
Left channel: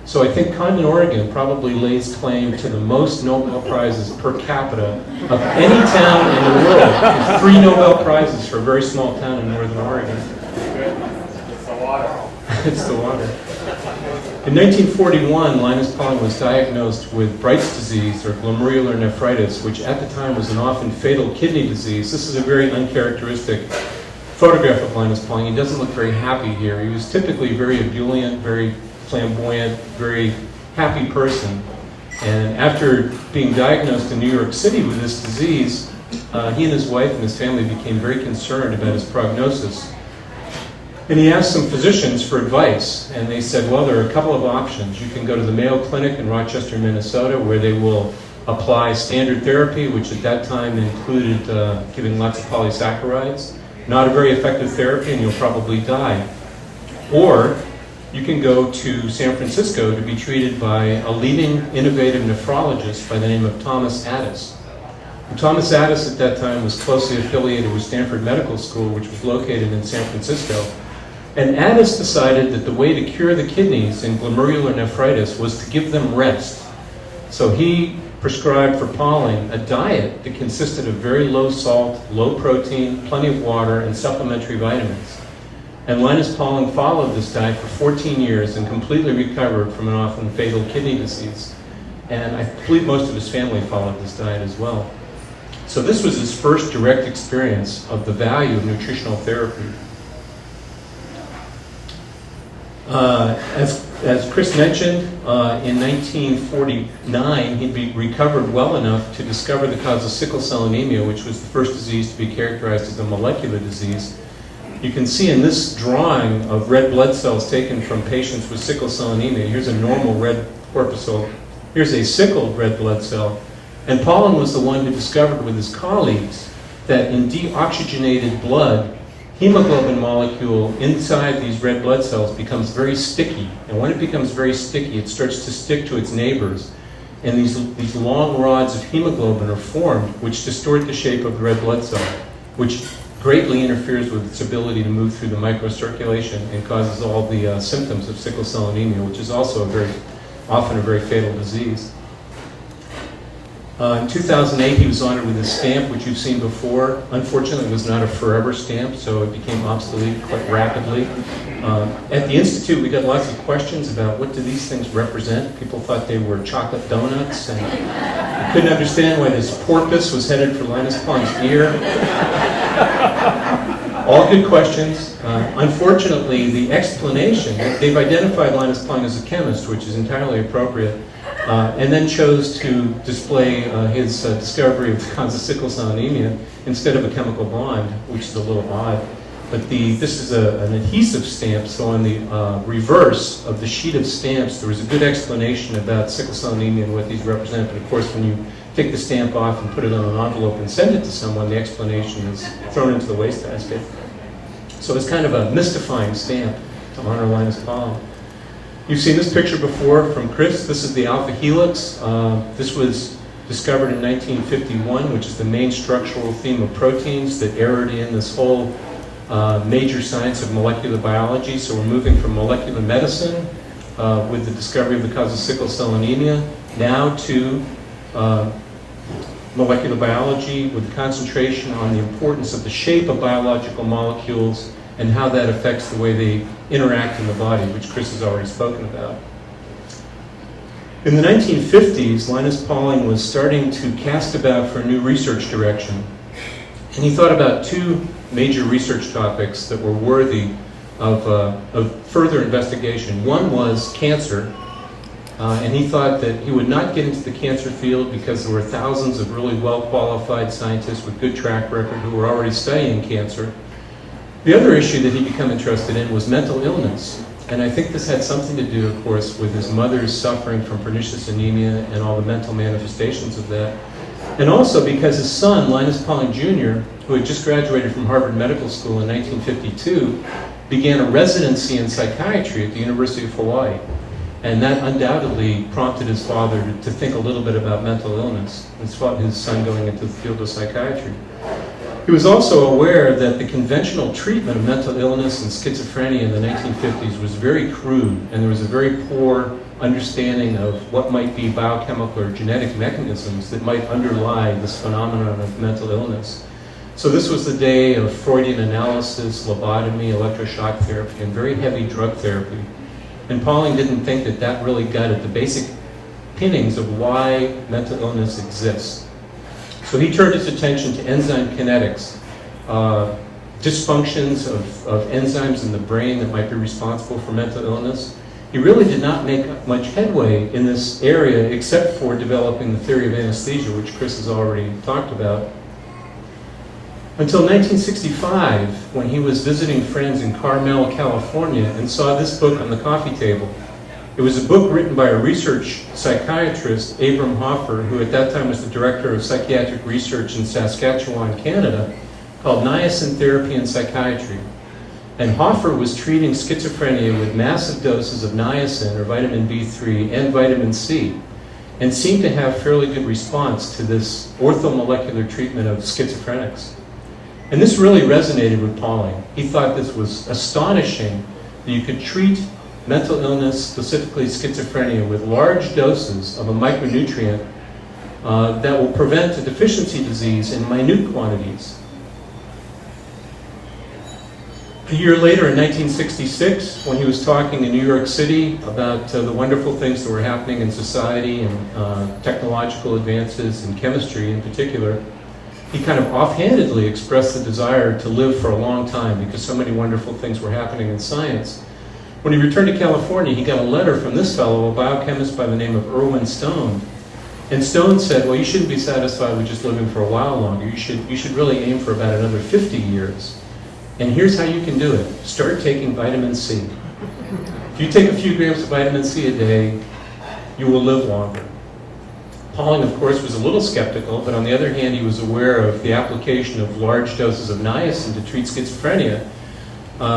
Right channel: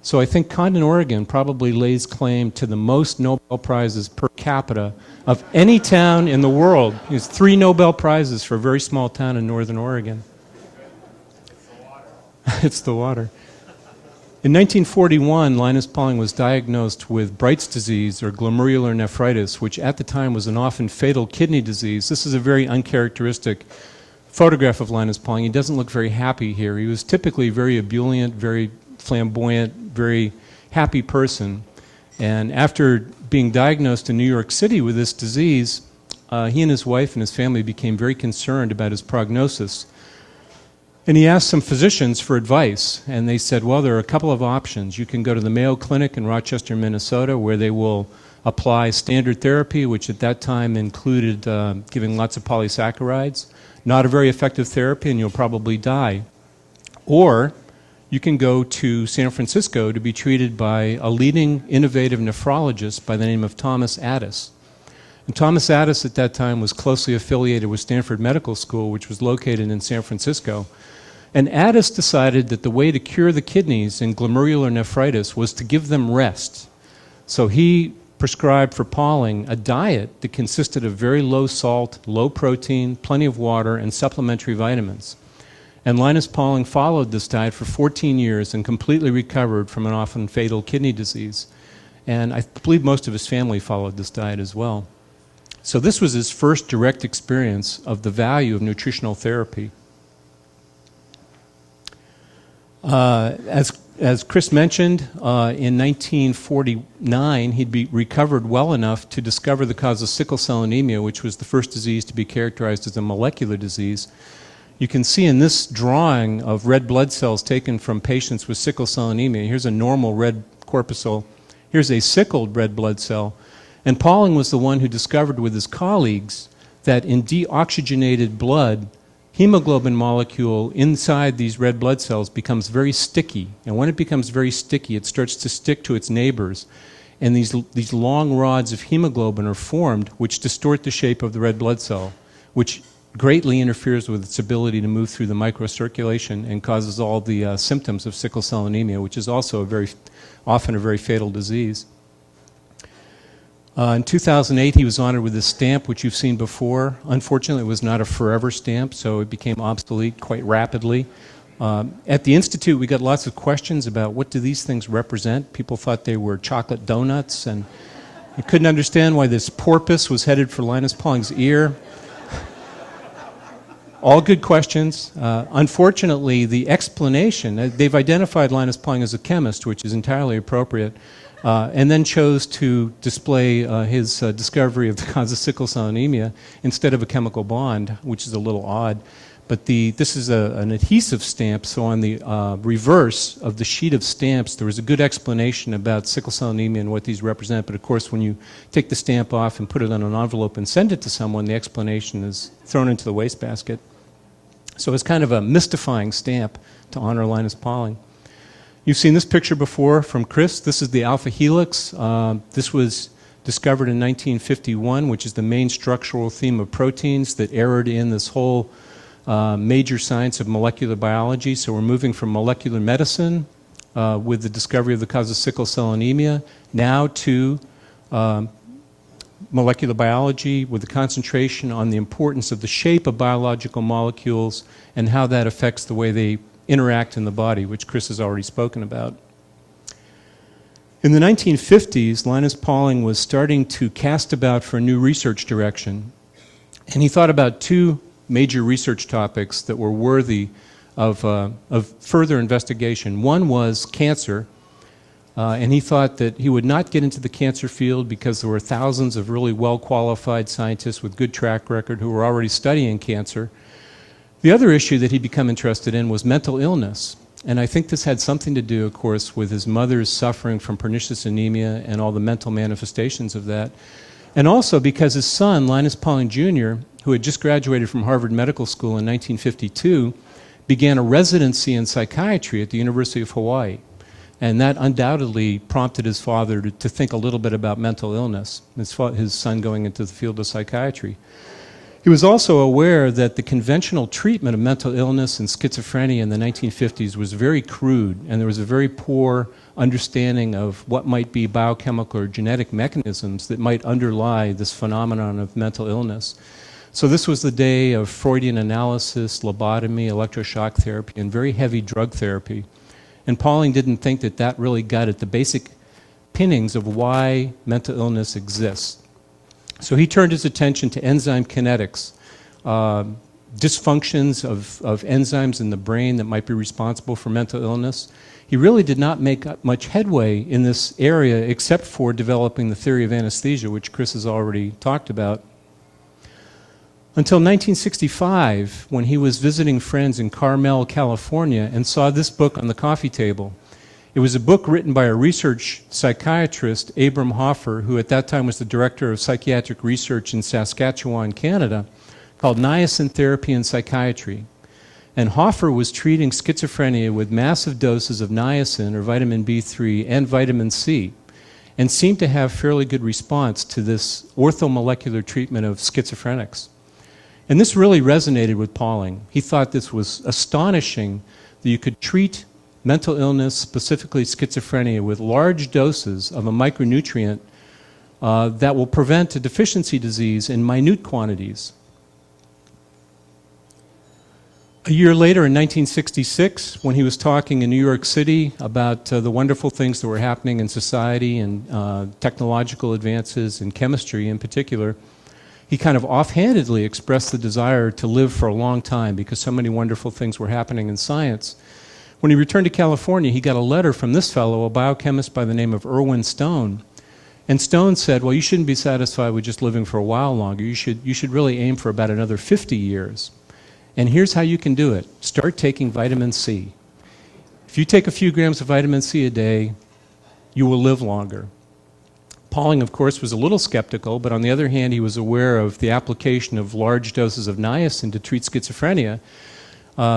So I think Condon, Oregon probably lays claim to the most Nobel Prizes per capita of any town in the world. There's 3 Nobel Prizes for a very small town in northern Oregon. It's the water. It's the water. In 1941, Linus Pauling was diagnosed with Bright's disease, or glomerular nephritis, which at the time was an often fatal kidney disease. This is a very uncharacteristic photograph of Linus Pauling. He doesn't look very happy here. He was typically very ebullient, very flamboyant, very happy person. And after being diagnosed in New York City with this disease, he and his wife and his family became very concerned about his prognosis. And he asked some physicians for advice, and they said, well, there are a couple of options. You can go to the Mayo Clinic in Rochester, Minnesota, where they will apply standard therapy, which at that time included giving lots of polysaccharides. Not a very effective therapy, and you'll probably die. Or you can go to San Francisco to be treated by a leading innovative nephrologist by the name of Thomas Addis. And Thomas Addis at that time was closely affiliated with Stanford Medical School, which was located in San Francisco. And Addis decided that the way to cure the kidneys in glomerular nephritis was to give them rest. So he prescribed for Pauling a diet that consisted of very low salt, low protein, plenty of water, and supplementary vitamins. And Linus Pauling followed this diet for 14 years and completely recovered from an often fatal kidney disease. And I believe most of his family followed this diet as well. So this was his first direct experience of the value of nutritional therapy. As Chris mentioned, in 1949, he'd recovered well enough to discover the cause of sickle cell anemia, which was the first disease to be characterized as a molecular disease. You can see in this drawing of red blood cells taken from patients with sickle cell anemia. Here's a normal red corpuscle. Here's a sickled red blood cell. And Pauling was the one who discovered with his colleagues that in deoxygenated blood, hemoglobin molecule inside these red blood cells becomes very sticky. And when it becomes very sticky, it starts to stick to its neighbors. And these long rods of hemoglobin are formed, which distort the shape of the red blood cell, which greatly interferes with its ability to move through the microcirculation and causes all the symptoms of sickle cell anemia, which is also often a very fatal disease. In 2008, he was honored with a stamp, which you've seen before. Unfortunately, it was not a forever stamp, so it became obsolete quite rapidly. At the Institute, we got lots of questions about what do these things represent. People thought they were chocolate donuts, and we couldn't understand why this porpoise was headed for Linus Pauling's ear. All good questions. Unfortunately, the explanation, they've identified Linus Pauling as a chemist, which is entirely appropriate, and then chose to display his discovery of the cause of sickle cell anemia instead of a chemical bond, which is a little odd. But this is an adhesive stamp, so on the reverse of the sheet of stamps, there was a good explanation about sickle cell anemia and what these represent. But of course, when you take the stamp off and put it in an envelope and send it to someone, the explanation is thrown into the wastebasket. So it's kind of a mystifying stamp to honor Linus Pauling. You've seen this picture before from Chris. This is the alpha helix. This was discovered in 1951, which is the main structural theme of proteins that erred in this whole major science of molecular biology. So we're moving from molecular medicine with the discovery of the cause of sickle cell anemia now to molecular biology with concentration on the importance of the shape of biological molecules and how that affects the way they interact in the body, which Chris has already spoken about. In the 1950s, Linus Pauling was starting to cast about for a new research direction. And he thought about two major research topics that were worthy of further investigation. One was cancer, and he thought that he would not get into the cancer field because there were thousands of really well-qualified scientists with good track record who were already studying cancer. The other issue that he'd become interested in was mental illness. And I think this had something to do, of course, with his mother's suffering from pernicious anemia and all the mental manifestations of that. And also because his son, Linus Pauling Jr., who had just graduated from Harvard Medical School in 1952, began a residency in psychiatry at the University of Hawaii. And that undoubtedly prompted his father to think a little bit about mental illness and sought his son going into the field of psychiatry. He was also aware that the conventional treatment of mental illness and schizophrenia in the 1950s was very crude, and there was a very poor understanding of what might be biochemical or genetic mechanisms that might underlie this phenomenon of mental illness. So this was the day of Freudian analysis, lobotomy, electroshock therapy, and very heavy drug therapy. And Pauling didn't think that that really got at the basic pinnings of why mental illness exists. So he turned his attention to enzyme kinetics, dysfunctions of enzymes in the brain that might be responsible for mental illness. He really did not make much headway in this area except for developing the theory of anesthesia, which Chris has already talked about. Until 1965, when he was visiting friends in Carmel, California, and saw this book on the coffee table. It was a book written by a research psychiatrist, Abram Hoffer, who at that time was the director of psychiatric research in Saskatchewan, Canada, called Niacin Therapy in Psychiatry. And Hoffer was treating schizophrenia with massive doses of niacin, or vitamin B3, and vitamin C, and seemed to have fairly good response to this orthomolecular treatment of schizophrenics. And this really resonated with Pauling. He thought this was astonishing that you could treat mental illness, specifically schizophrenia, with large doses of a micronutrient that will prevent a deficiency disease in minute quantities. A year later, in 1966, when he was talking in New York City about the wonderful things that were happening in society and technological advances in chemistry in particular, he kind of offhandedly expressed the desire to live for a long time because so many wonderful things were happening in science. When he returned to California, he got a letter from this fellow, a biochemist by the name of Irwin Stone. And Stone said, well, you shouldn't be satisfied with just living for a while longer. You should really aim for about another 50 years. And here's how you can do it. Start taking vitamin C. If you take a few grams of vitamin C a day, you will live longer. Pauling, of course, was a little skeptical, but on the other hand, he was aware of the application of large doses of niacin to treat schizophrenia.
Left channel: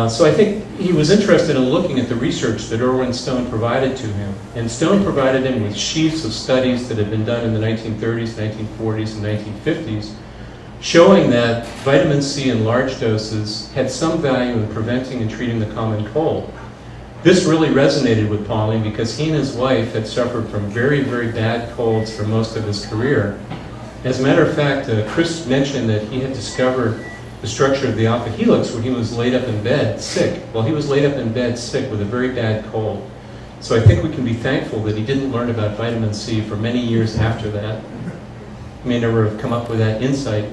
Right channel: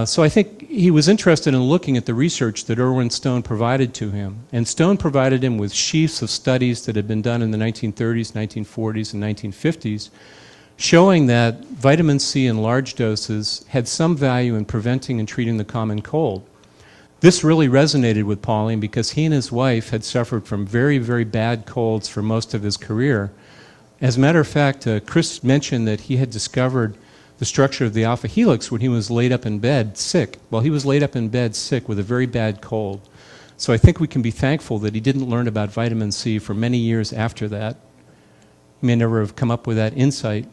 So I think he was interested in looking at the research that Irwin Stone provided to him. And Stone provided him with sheets of studies that had been done in the 1930s, 1940s, and 1950s, showing that vitamin C in large doses had some value in preventing and treating the common cold. This really resonated with Pauling because he and his wife had suffered from very, very bad colds for most of his career. As a matter of fact, Chris mentioned that he had discovered the structure of the alpha helix when he was laid up in bed sick. Well, he was laid up in bed sick with a very bad cold. So I think we can be thankful that he didn't learn about vitamin C for many years after that. He may never have come up with that insight.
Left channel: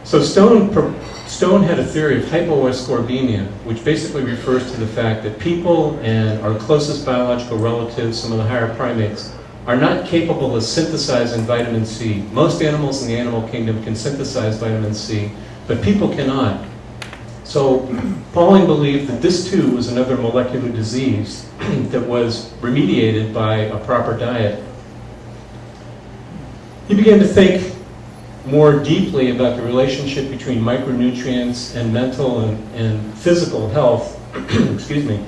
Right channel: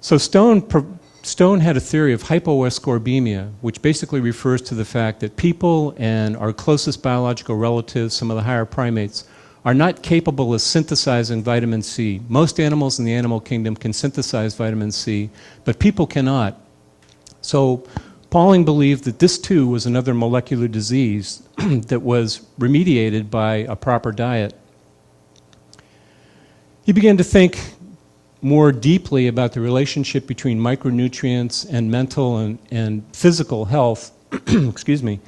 So Stone had a theory of hypoascorbemia, which basically refers to the fact that people and our closest biological relatives, some of the higher primates, are not capable of synthesizing vitamin C. Most animals in the animal kingdom can synthesize vitamin C, but people cannot. So Pauling believed that this too was another molecular disease that was remediated by a proper diet. He began to think more deeply about the relationship between micronutrients and mental and physical health, excuse me,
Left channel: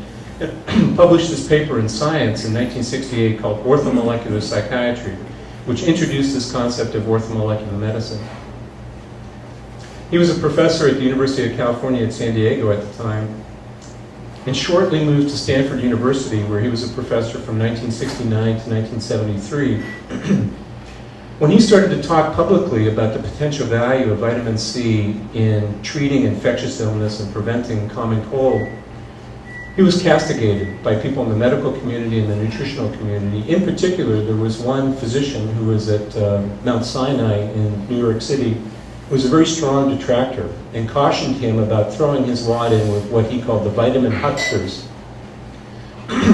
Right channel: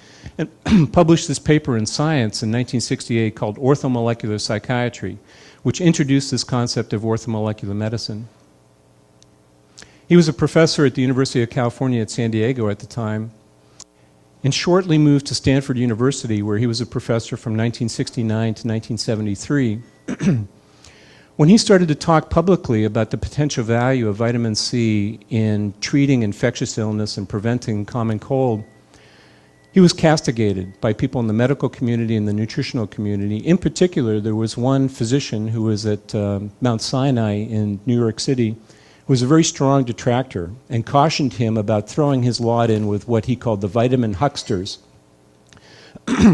published this paper in Science in 1968 called Orthomolecular Psychiatry, which introduced this concept of orthomolecular medicine. He was a professor at the University of California at San Diego at the time, and shortly moved to Stanford University, where he was a professor from 1969 to 1973. When he started to talk publicly about the potential value of vitamin C in treating infectious illness and preventing common cold, he was castigated by people in the medical community and the nutritional community. In particular, there was one physician who was at Mount Sinai in New York City who was a very strong detractor and cautioned him about throwing his lot in with what he called the vitamin hucksters.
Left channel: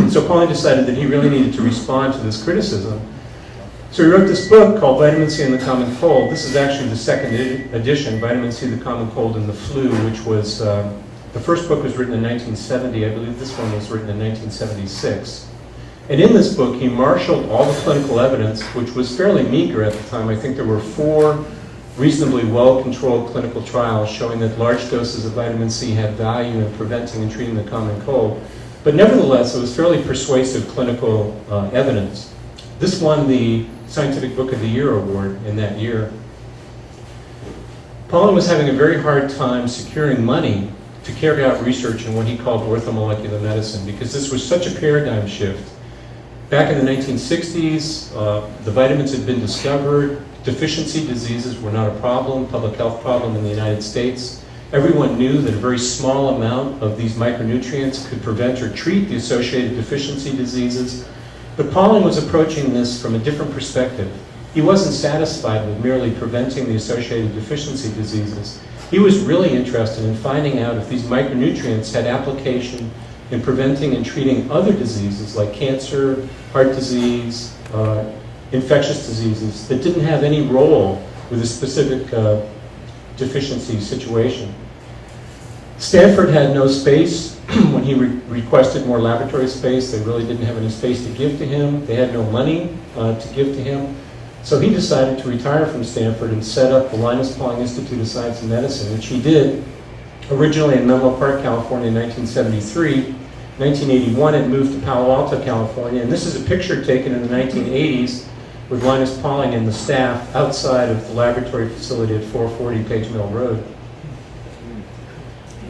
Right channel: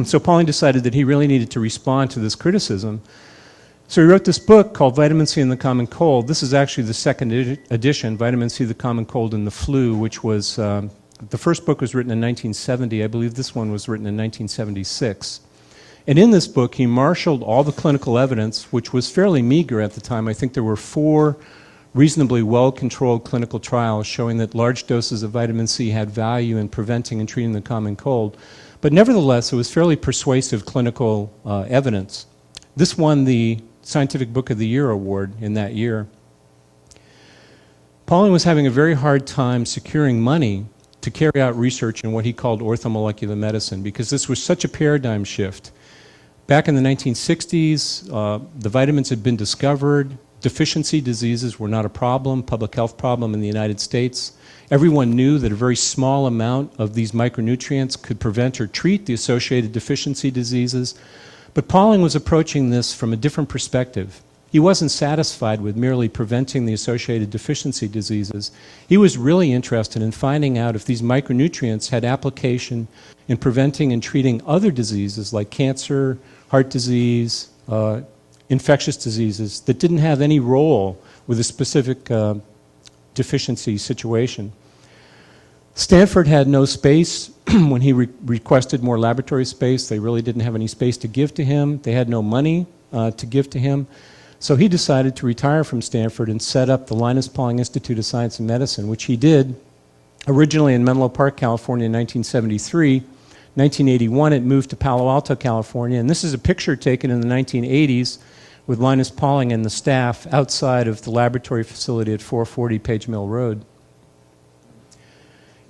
So Pauling decided that he really needed to respond to this criticism. So he wrote this book called Vitamin C and the Common Cold. This is actually the second edition, Vitamin C, the Common Cold, and the Flu, which was, the first book was written in 1970. I believe this one was written in 1976. And in this book, he marshaled all the clinical evidence, which was fairly meager at the time. I think there were 4 reasonably well-controlled clinical trials showing that large doses of vitamin C had value in preventing and treating the common cold. But nevertheless, it was fairly persuasive clinical evidence. This won the Scientific Book of the Year award in that year. Pauling was having a very hard time securing money to carry out research in what he called orthomolecular medicine because this was such a paradigm shift. Back in the 1960s, the vitamins had been discovered. Deficiency diseases were not a problem, public health problem in the United States. Everyone knew that a very small amount of these micronutrients could prevent or treat the associated deficiency diseases. But Pauling was approaching this from a different perspective. He wasn't satisfied with merely preventing the associated deficiency diseases. He was really interested in finding out if these micronutrients had application in preventing and treating other diseases like cancer, heart disease, infectious diseases that didn't have any role with a specific deficiency situation. Stanford had no space. When he requested more laboratory space, they really didn't have any space to give to him. They had no money to give to him. So he decided to retire from Stanford and set up the Linus Pauling Institute of Science and Medicine, which he did originally in Menlo Park, California in 1973. 1981, it moved to Palo Alto, California. And this is a picture taken in the 1980s with Linus Pauling and the staff outside of the laboratory facility at 440 Page Mill Road.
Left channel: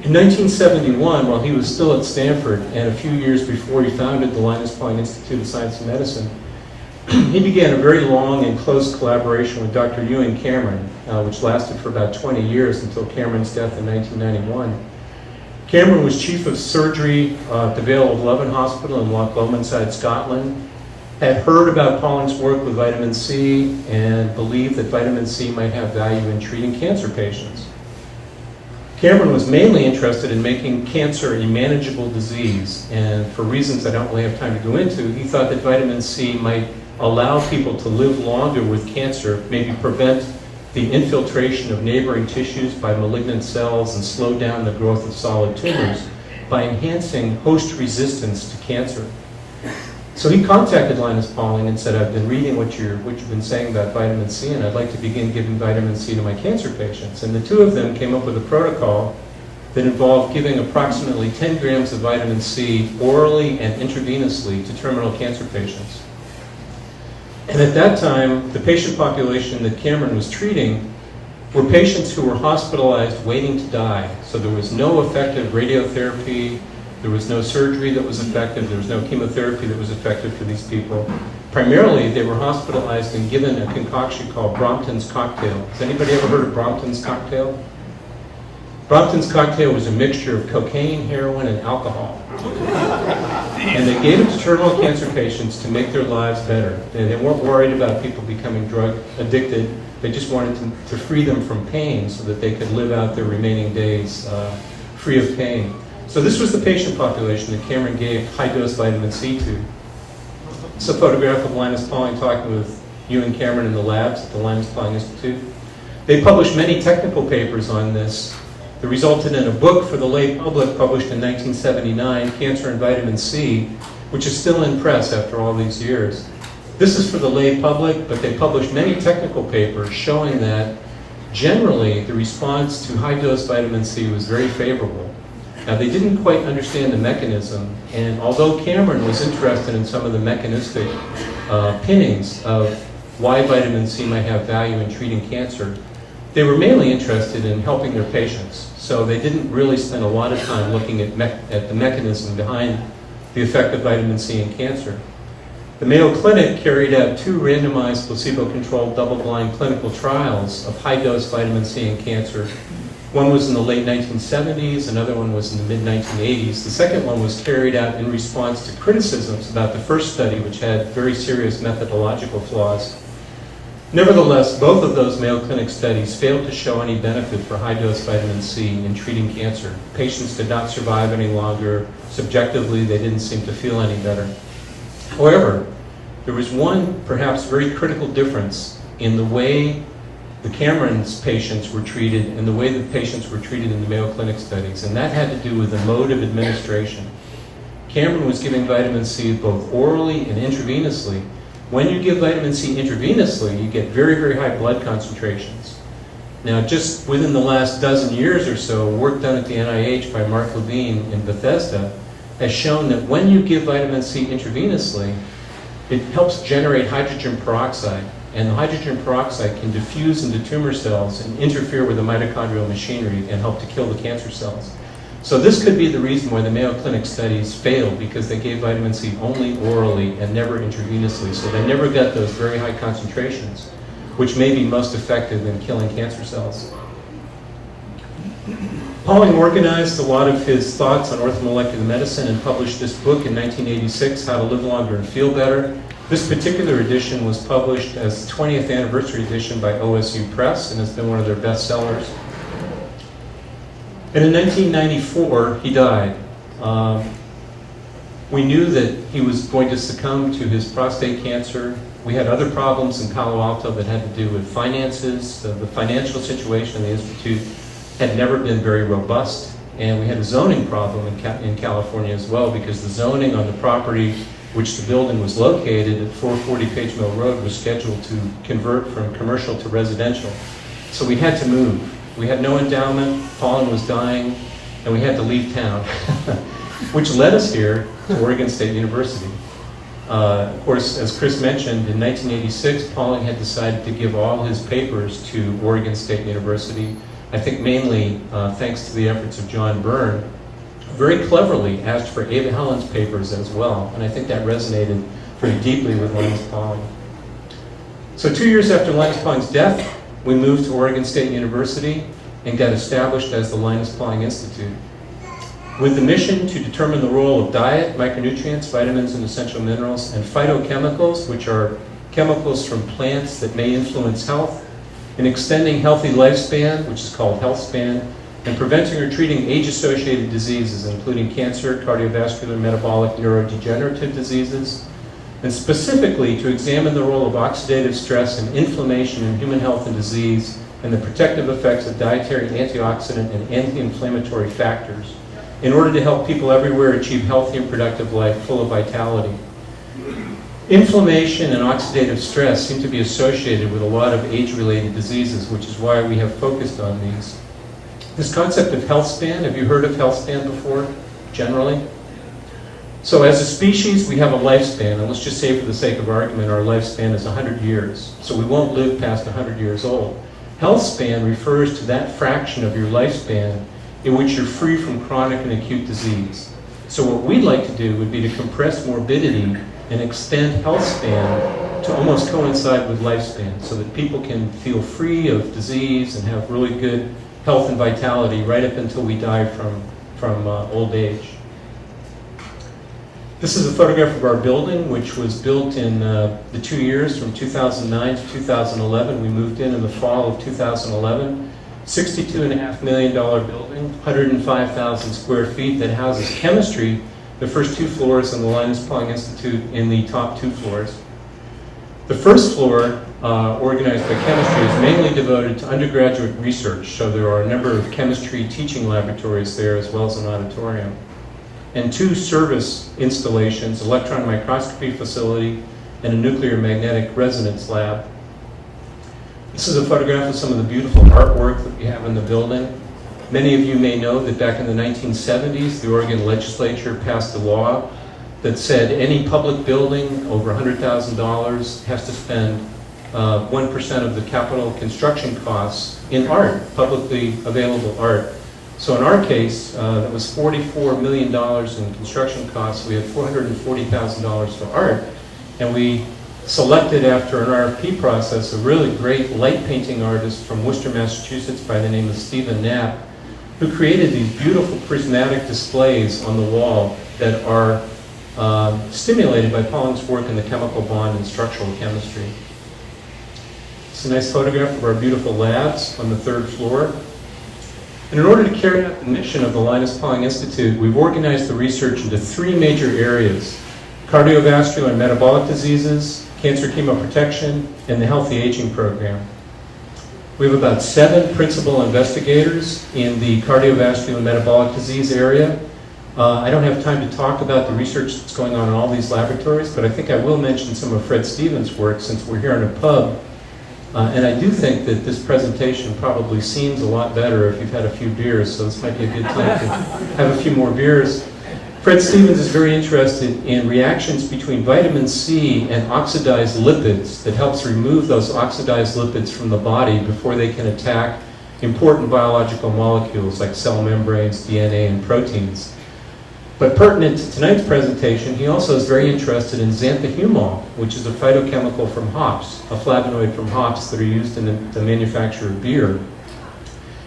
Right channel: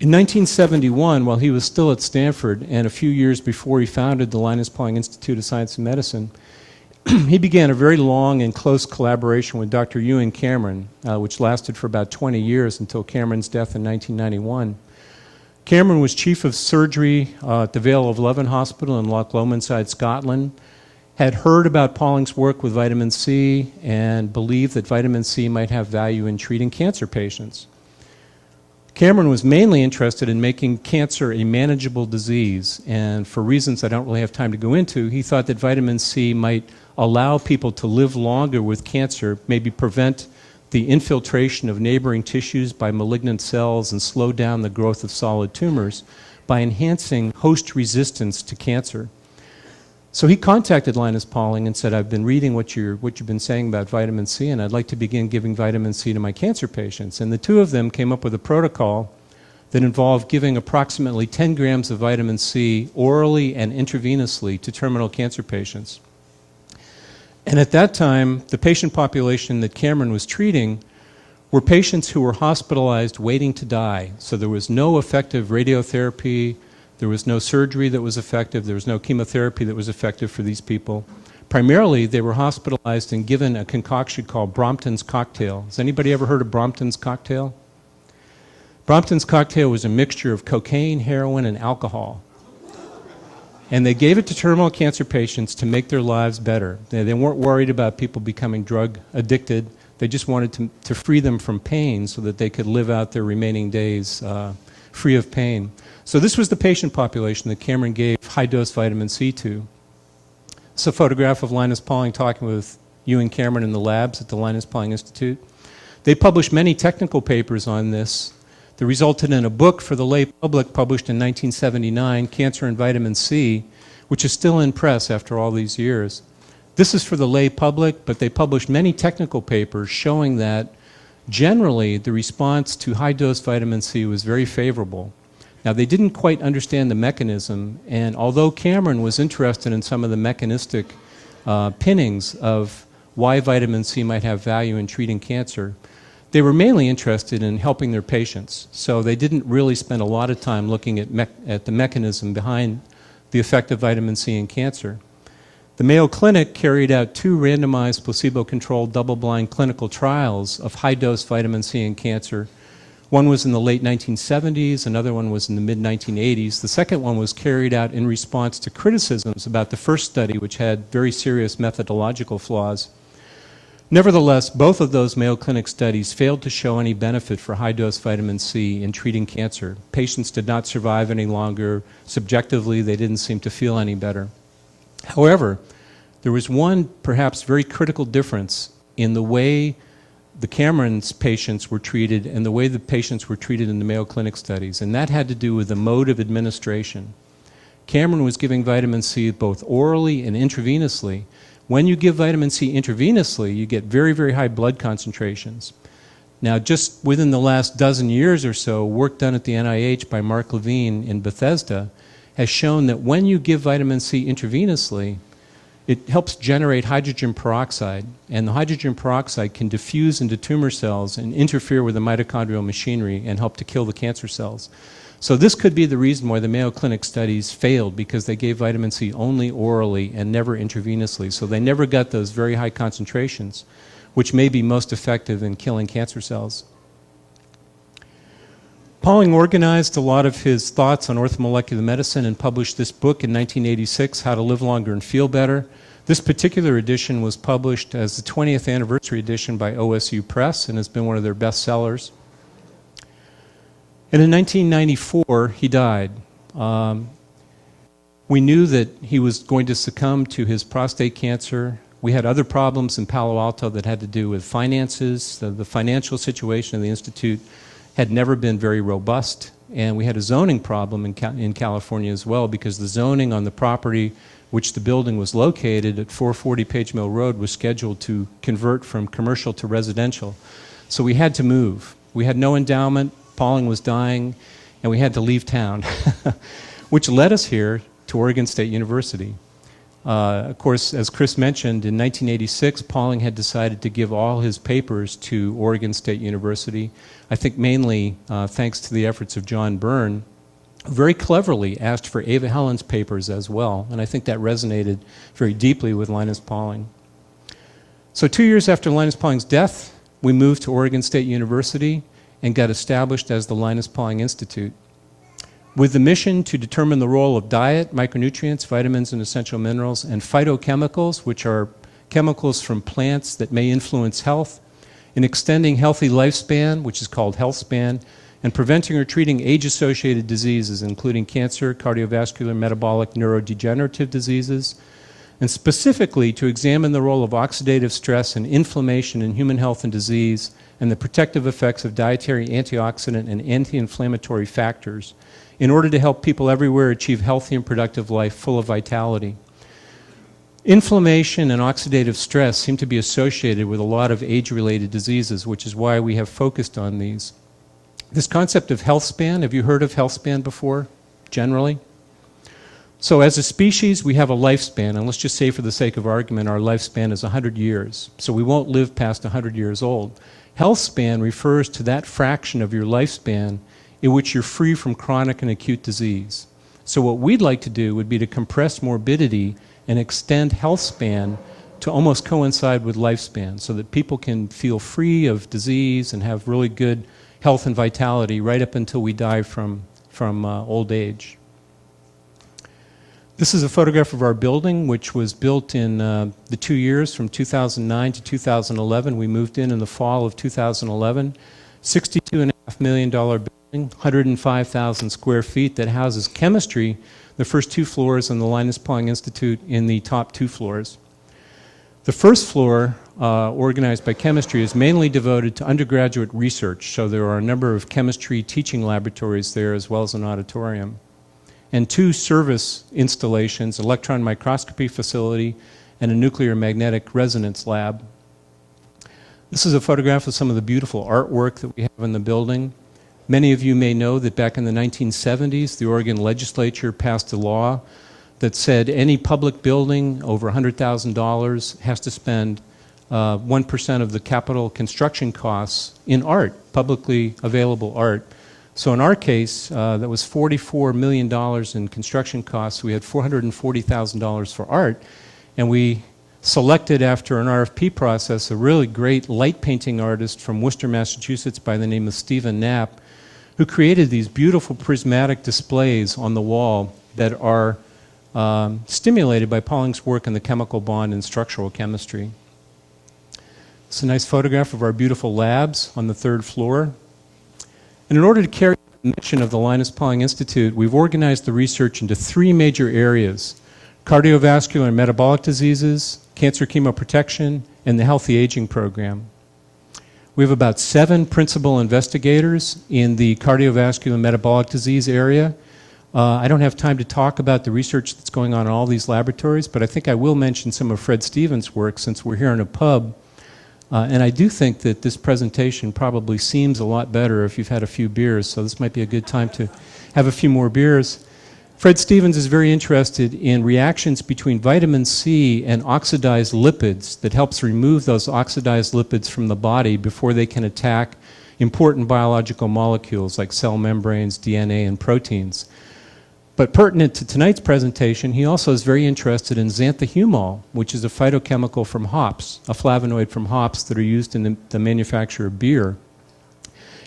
In 1971, while he was still at Stanford, and a few years before he founded the Linus Pauling Institute of Science and Medicine, he began a very long and close collaboration with Dr. Ewing Cameron, which lasted for about 20 years until Cameron's death in 1991. Cameron was chief of surgery at the Vale of Leven Hospital in Loch Lomond, Scotland, had heard about Pauling's work with vitamin C, and believed that vitamin C might have value in treating cancer patients. Cameron was mainly interested in making cancer a manageable disease, and for reasons I don't really have time to go into, he thought that vitamin C might allow people to live longer with cancer, maybe prevent the infiltration of neighboring tissues by malignant cells and slow down the growth of solid tumors by enhancing host resistance to cancer. So he contacted Linus Pauling and said, I've been reading what you've been saying about vitamin C, and I'd like to begin giving vitamin C to my cancer patients. And the two of them came up with a protocol that involved giving approximately 10 grams of vitamin C orally and intravenously to terminal cancer patients. And at that time, the patient population that Cameron was treating were patients who were hospitalized waiting to die. So there was no effective radiotherapy, there was no surgery that was effective, there was no chemotherapy that was effective for these people. Primarily, they were hospitalized and given a concoction called Brompton's cocktail. Has anybody ever heard of Brompton's cocktail? Brompton's cocktail was a mixture of cocaine, heroin, and alcohol. And they gave it to terminal cancer patients to make their lives better. They weren't worried about people becoming drug addicted. They just wanted to free them from pain so that they could live out their remaining days free of pain. So this was the patient population that Cameron gave high-dose vitamin C to. It's a photograph of Linus Pauling talking with you and Cameron in the labs at the Linus Pauling Institute. They published many technical papers on this that resulted in a book for the lay public published in 1979, Cancer and Vitamin C, which is still in press after all these years. This is for the lay public, but they published many technical papers showing that generally the response to high-dose vitamin C was very favorable. Now, they didn't quite understand the mechanism, and although Cameron was interested in some of the mechanistic pinnings of why vitamin C might have value in treating cancer, they were mainly interested in helping their patients. So they didn't really spend a lot of time looking at the mechanism behind the effect of vitamin C in cancer. The Mayo Clinic carried out 2 randomized placebo-controlled double-blind clinical trials of high-dose vitamin C in cancer. One was in the late 1970s, another one was in the mid-1980s. The second one was carried out in response to criticisms about the first study, which had very serious methodological flaws. Nevertheless, both of those Mayo Clinic studies failed to show any benefit for high-dose vitamin C in treating cancer. Patients did not survive any longer. Subjectively, they didn't seem to feel any better. However, there was one perhaps very critical difference in the way the Cameron's patients were treated and the way the patients were treated in the Mayo Clinic studies, and that had to do with the mode of administration. Cameron was giving vitamin C both orally and intravenously. When you give vitamin C intravenously, you get very, very high blood concentrations. Now, just within the last dozen years or so, work done at the NIH by Mark Levine in Bethesda has shown that when you give vitamin C intravenously, it helps generate hydrogen peroxide. And the hydrogen peroxide can diffuse into tumor cells and interfere with the mitochondrial machinery and help to kill the cancer cells. So this could be the reason why the Mayo Clinic studies failed, because they gave vitamin C only orally and never intravenously. So they never got those very high concentrations, which may be most effective in killing cancer cells. Pauling organized a lot of his thoughts on orthomolecular medicine and published this book in 1986, How to Live Longer and Feel Better. This particular edition was published as the 20th anniversary edition by OSU Press and has been one of their best sellers. And in 1994, he died. We knew that he was going to succumb to his prostate cancer. We had other problems in Palo Alto that had to do with finances. The financial situation in the Institute had never been very robust. And we had a zoning problem in California as well, because the zoning on the property which the building was located at 440 Page Mill Road was scheduled to convert from commercial to residential. So we had to move. We had no endowment, Pauling was dying, and we had to leave town, which led us here to Oregon State University. Of course, as Chris mentioned, in 1986, Pauling had decided to give all his papers to Oregon State University. I think mainly thanks to the efforts of John Byrne, very cleverly asked for Ava Helen's papers as well, and I think that resonated very deeply with Linus Pauling. So 2 years after Linus Pauling's death, we moved to Oregon State University and got established as the Linus Pauling Institute, with the mission to determine the role of diet, micronutrients, vitamins and essential minerals, and phytochemicals, which are chemicals from plants that may influence health, in extending healthy lifespan, which is called health span, and preventing or treating age-associated diseases, including cancer, cardiovascular, metabolic, neurodegenerative diseases, and specifically to examine the role of oxidative stress and inflammation in human health and disease, and the protective effects of dietary antioxidant and anti-inflammatory factors, in order to help people everywhere achieve healthy and productive life full of vitality. Inflammation and oxidative stress seem to be associated with a lot of age-related diseases, which is why we have focused on these. This concept of health span, have you heard of health span before, generally? So as a species, we have a lifespan, and let's just say for the sake of argument, our lifespan is 100 years. So we won't live past 100 years old. Health span refers to that fraction of your lifespan in which you're free from chronic and acute disease. So what we'd like to do would be to compress morbidity and extend health span to almost coincide with lifespan so that people can feel free of disease and have really good health and vitality right up until we die from old age. This is a photograph of our building, which was built in the 2 years from 2009 to 2011. We moved in the fall of 2011. $62.5 million building, 105,000 square feet that houses chemistry, the first 2 floors, and the Linus Pauling Institute in the top 2 floors. The first floor, organized by chemistry, is mainly devoted to undergraduate research, so there are a number of chemistry teaching laboratories there as well as an auditorium. And 2 service installations, electron microscopy facility and a nuclear magnetic resonance lab. This is a photograph of some of the beautiful artwork that we have in the building. Many of you may know that back in the 1970s, the Oregon legislature passed a law that said any public building over $100,000 has to spend 1% of the capital construction costs in art, publicly available art. So in our case, that was $44 million in construction costs. We had $440,000 for art, and we selected after an RFP process a really great light painting artist from Worcester, Massachusetts by the name of Stephen Knapp, who created these beautiful prismatic displays on the wall that are stimulated by Pauling's work in the chemical bond and structural chemistry. It's a nice photograph of our beautiful labs on the 3rd floor. And in order to carry out the mission of the Linus Pauling Institute, we've organized the research into 3 major areas: cardiovascular and metabolic diseases, cancer chemoprotection, and the healthy aging program. We have about 7 principal investigators in the cardiovascular and metabolic disease area. I don't have time to talk about the research that's going on in all these laboratories, but I think I will mention some of Fred Stevens' work since we're here in a pub. And I do think that this presentation probably seems a lot better if you've had a few beers, so this might be a good time to have a few more beers. Fred Stevens is very interested in reactions between vitamin C and oxidized lipids that helps remove those oxidized lipids from the body before they can attack important biological molecules like cell membranes, DNA, and proteins. But pertinent to tonight's presentation, he also is very interested in xanthahumol, which is a phytochemical from hops, a flavonoid from hops that are used in the manufacture of beer.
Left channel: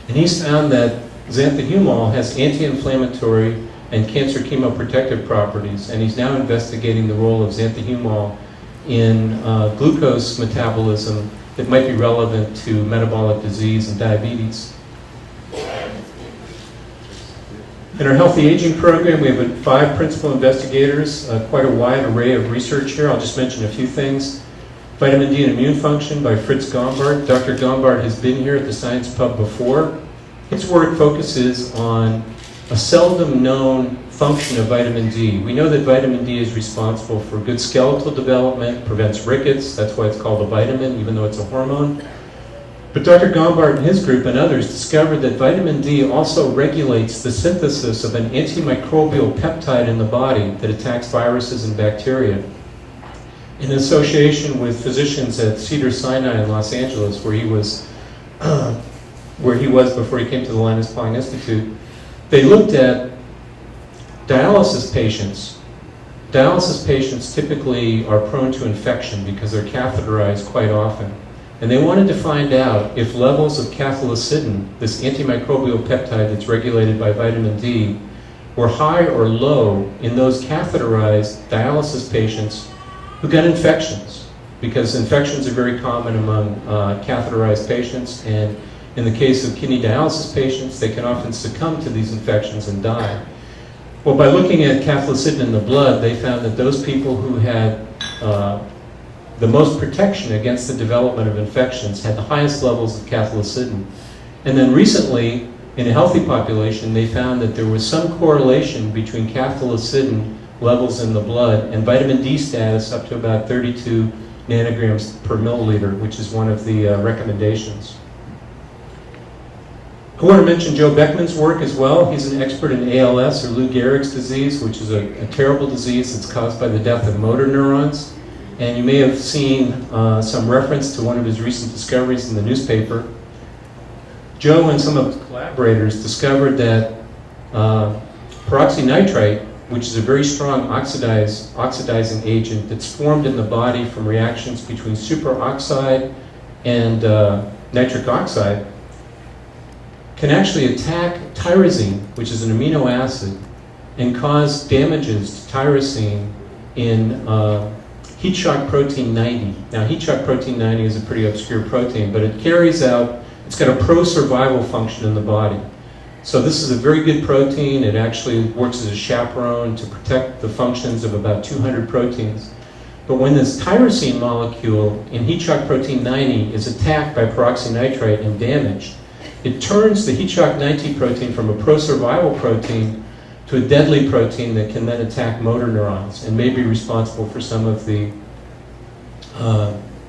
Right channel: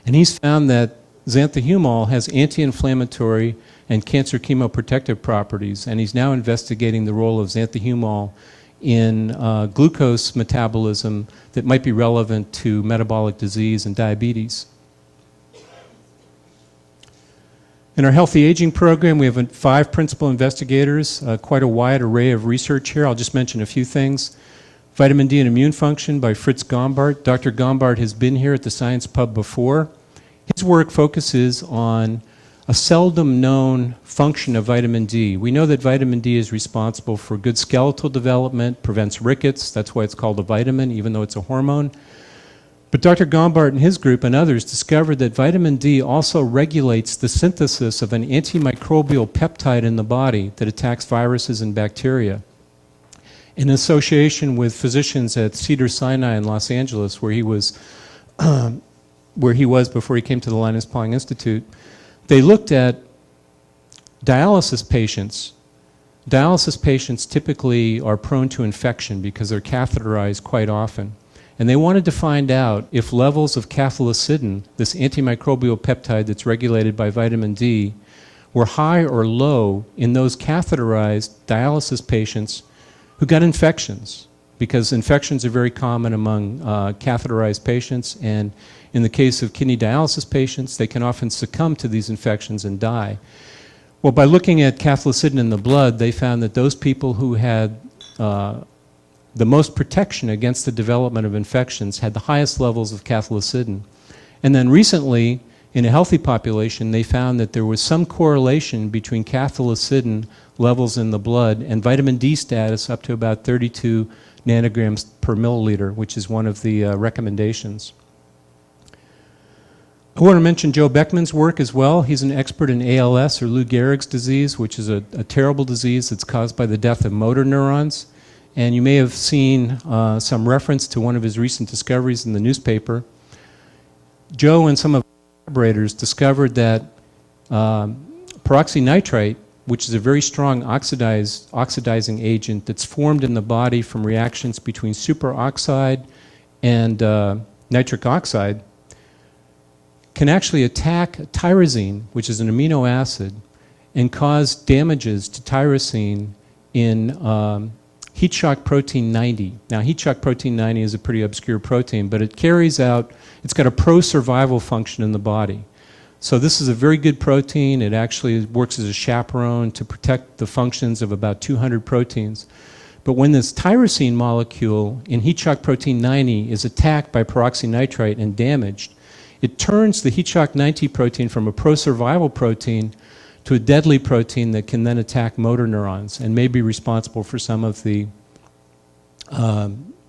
And he's found that xanthahumol has anti-inflammatory and cancer chemoprotective properties, and he's now investigating the role of xanthahumol in glucose metabolism that might be relevant to metabolic disease and diabetes. In our healthy aging program, we have 5 principal investigators, quite a wide array of research here. I'll just mention a few things. Vitamin D and immune function by Fritz Gombart. Dr. Gombart has been here at the Science Pub before. His work focuses on a seldom known function of vitamin D. We know that vitamin D is responsible for good skeletal development, prevents rickets, that's why it's called a vitamin, even though it's a hormone. But Dr. Gombart and his group and others discovered that vitamin D also regulates the synthesis of an antimicrobial peptide in the body that attacks viruses and bacteria. In association with physicians at Cedars-Sinai in Los Angeles, where he was before he came to the Linus Pauling Institute, they looked at dialysis patients. Dialysis patients typically are prone to infection because they're catheterized quite often. And they wanted to find out if levels of cathelicidin, this antimicrobial peptide that's regulated by vitamin D, were high or low in those catheterized dialysis patients who got infections, because infections are very common among catheterized patients, and in the case of kidney dialysis patients, they can often succumb to these infections and die. Well, by looking at cathelicidin in the blood, they found that those people who had the most protection against the development of infections had the highest levels of cathelicidin. And then recently, in a healthy population, they found that there was some correlation between cathelicidin levels in the blood, and vitamin D status up to about 32 nanograms per milliliter, which is one of the recommendations. I want to mention Joe Beckman's work as well. He's an expert in ALS, or Lou Gehrig's disease, which is a terrible disease that's caused by the death of motor neurons. And you may have seen some reference to one of his recent discoveries in the newspaper. Joe and some of his collaborators discovered that peroxynitrite, which is a very strong oxidizing agent that's formed in the body from reactions between superoxide and nitric oxide, can actually attack tyrosine, which is an amino acid, and cause damages to tyrosine in heat shock protein 90. Now, heat shock protein 90 is a pretty obscure protein, but it carries out, it's got a pro-survival function in the body. So this is a very good protein. It actually works as a chaperone to protect the functions of about 200 proteins. But when this tyrosine molecule in heat shock protein 90 is attacked by peroxynitrite and damaged, it turns the heat shock 90 protein from a pro-survival protein to a deadly protein that can then attack motor neurons and may be responsible for some of the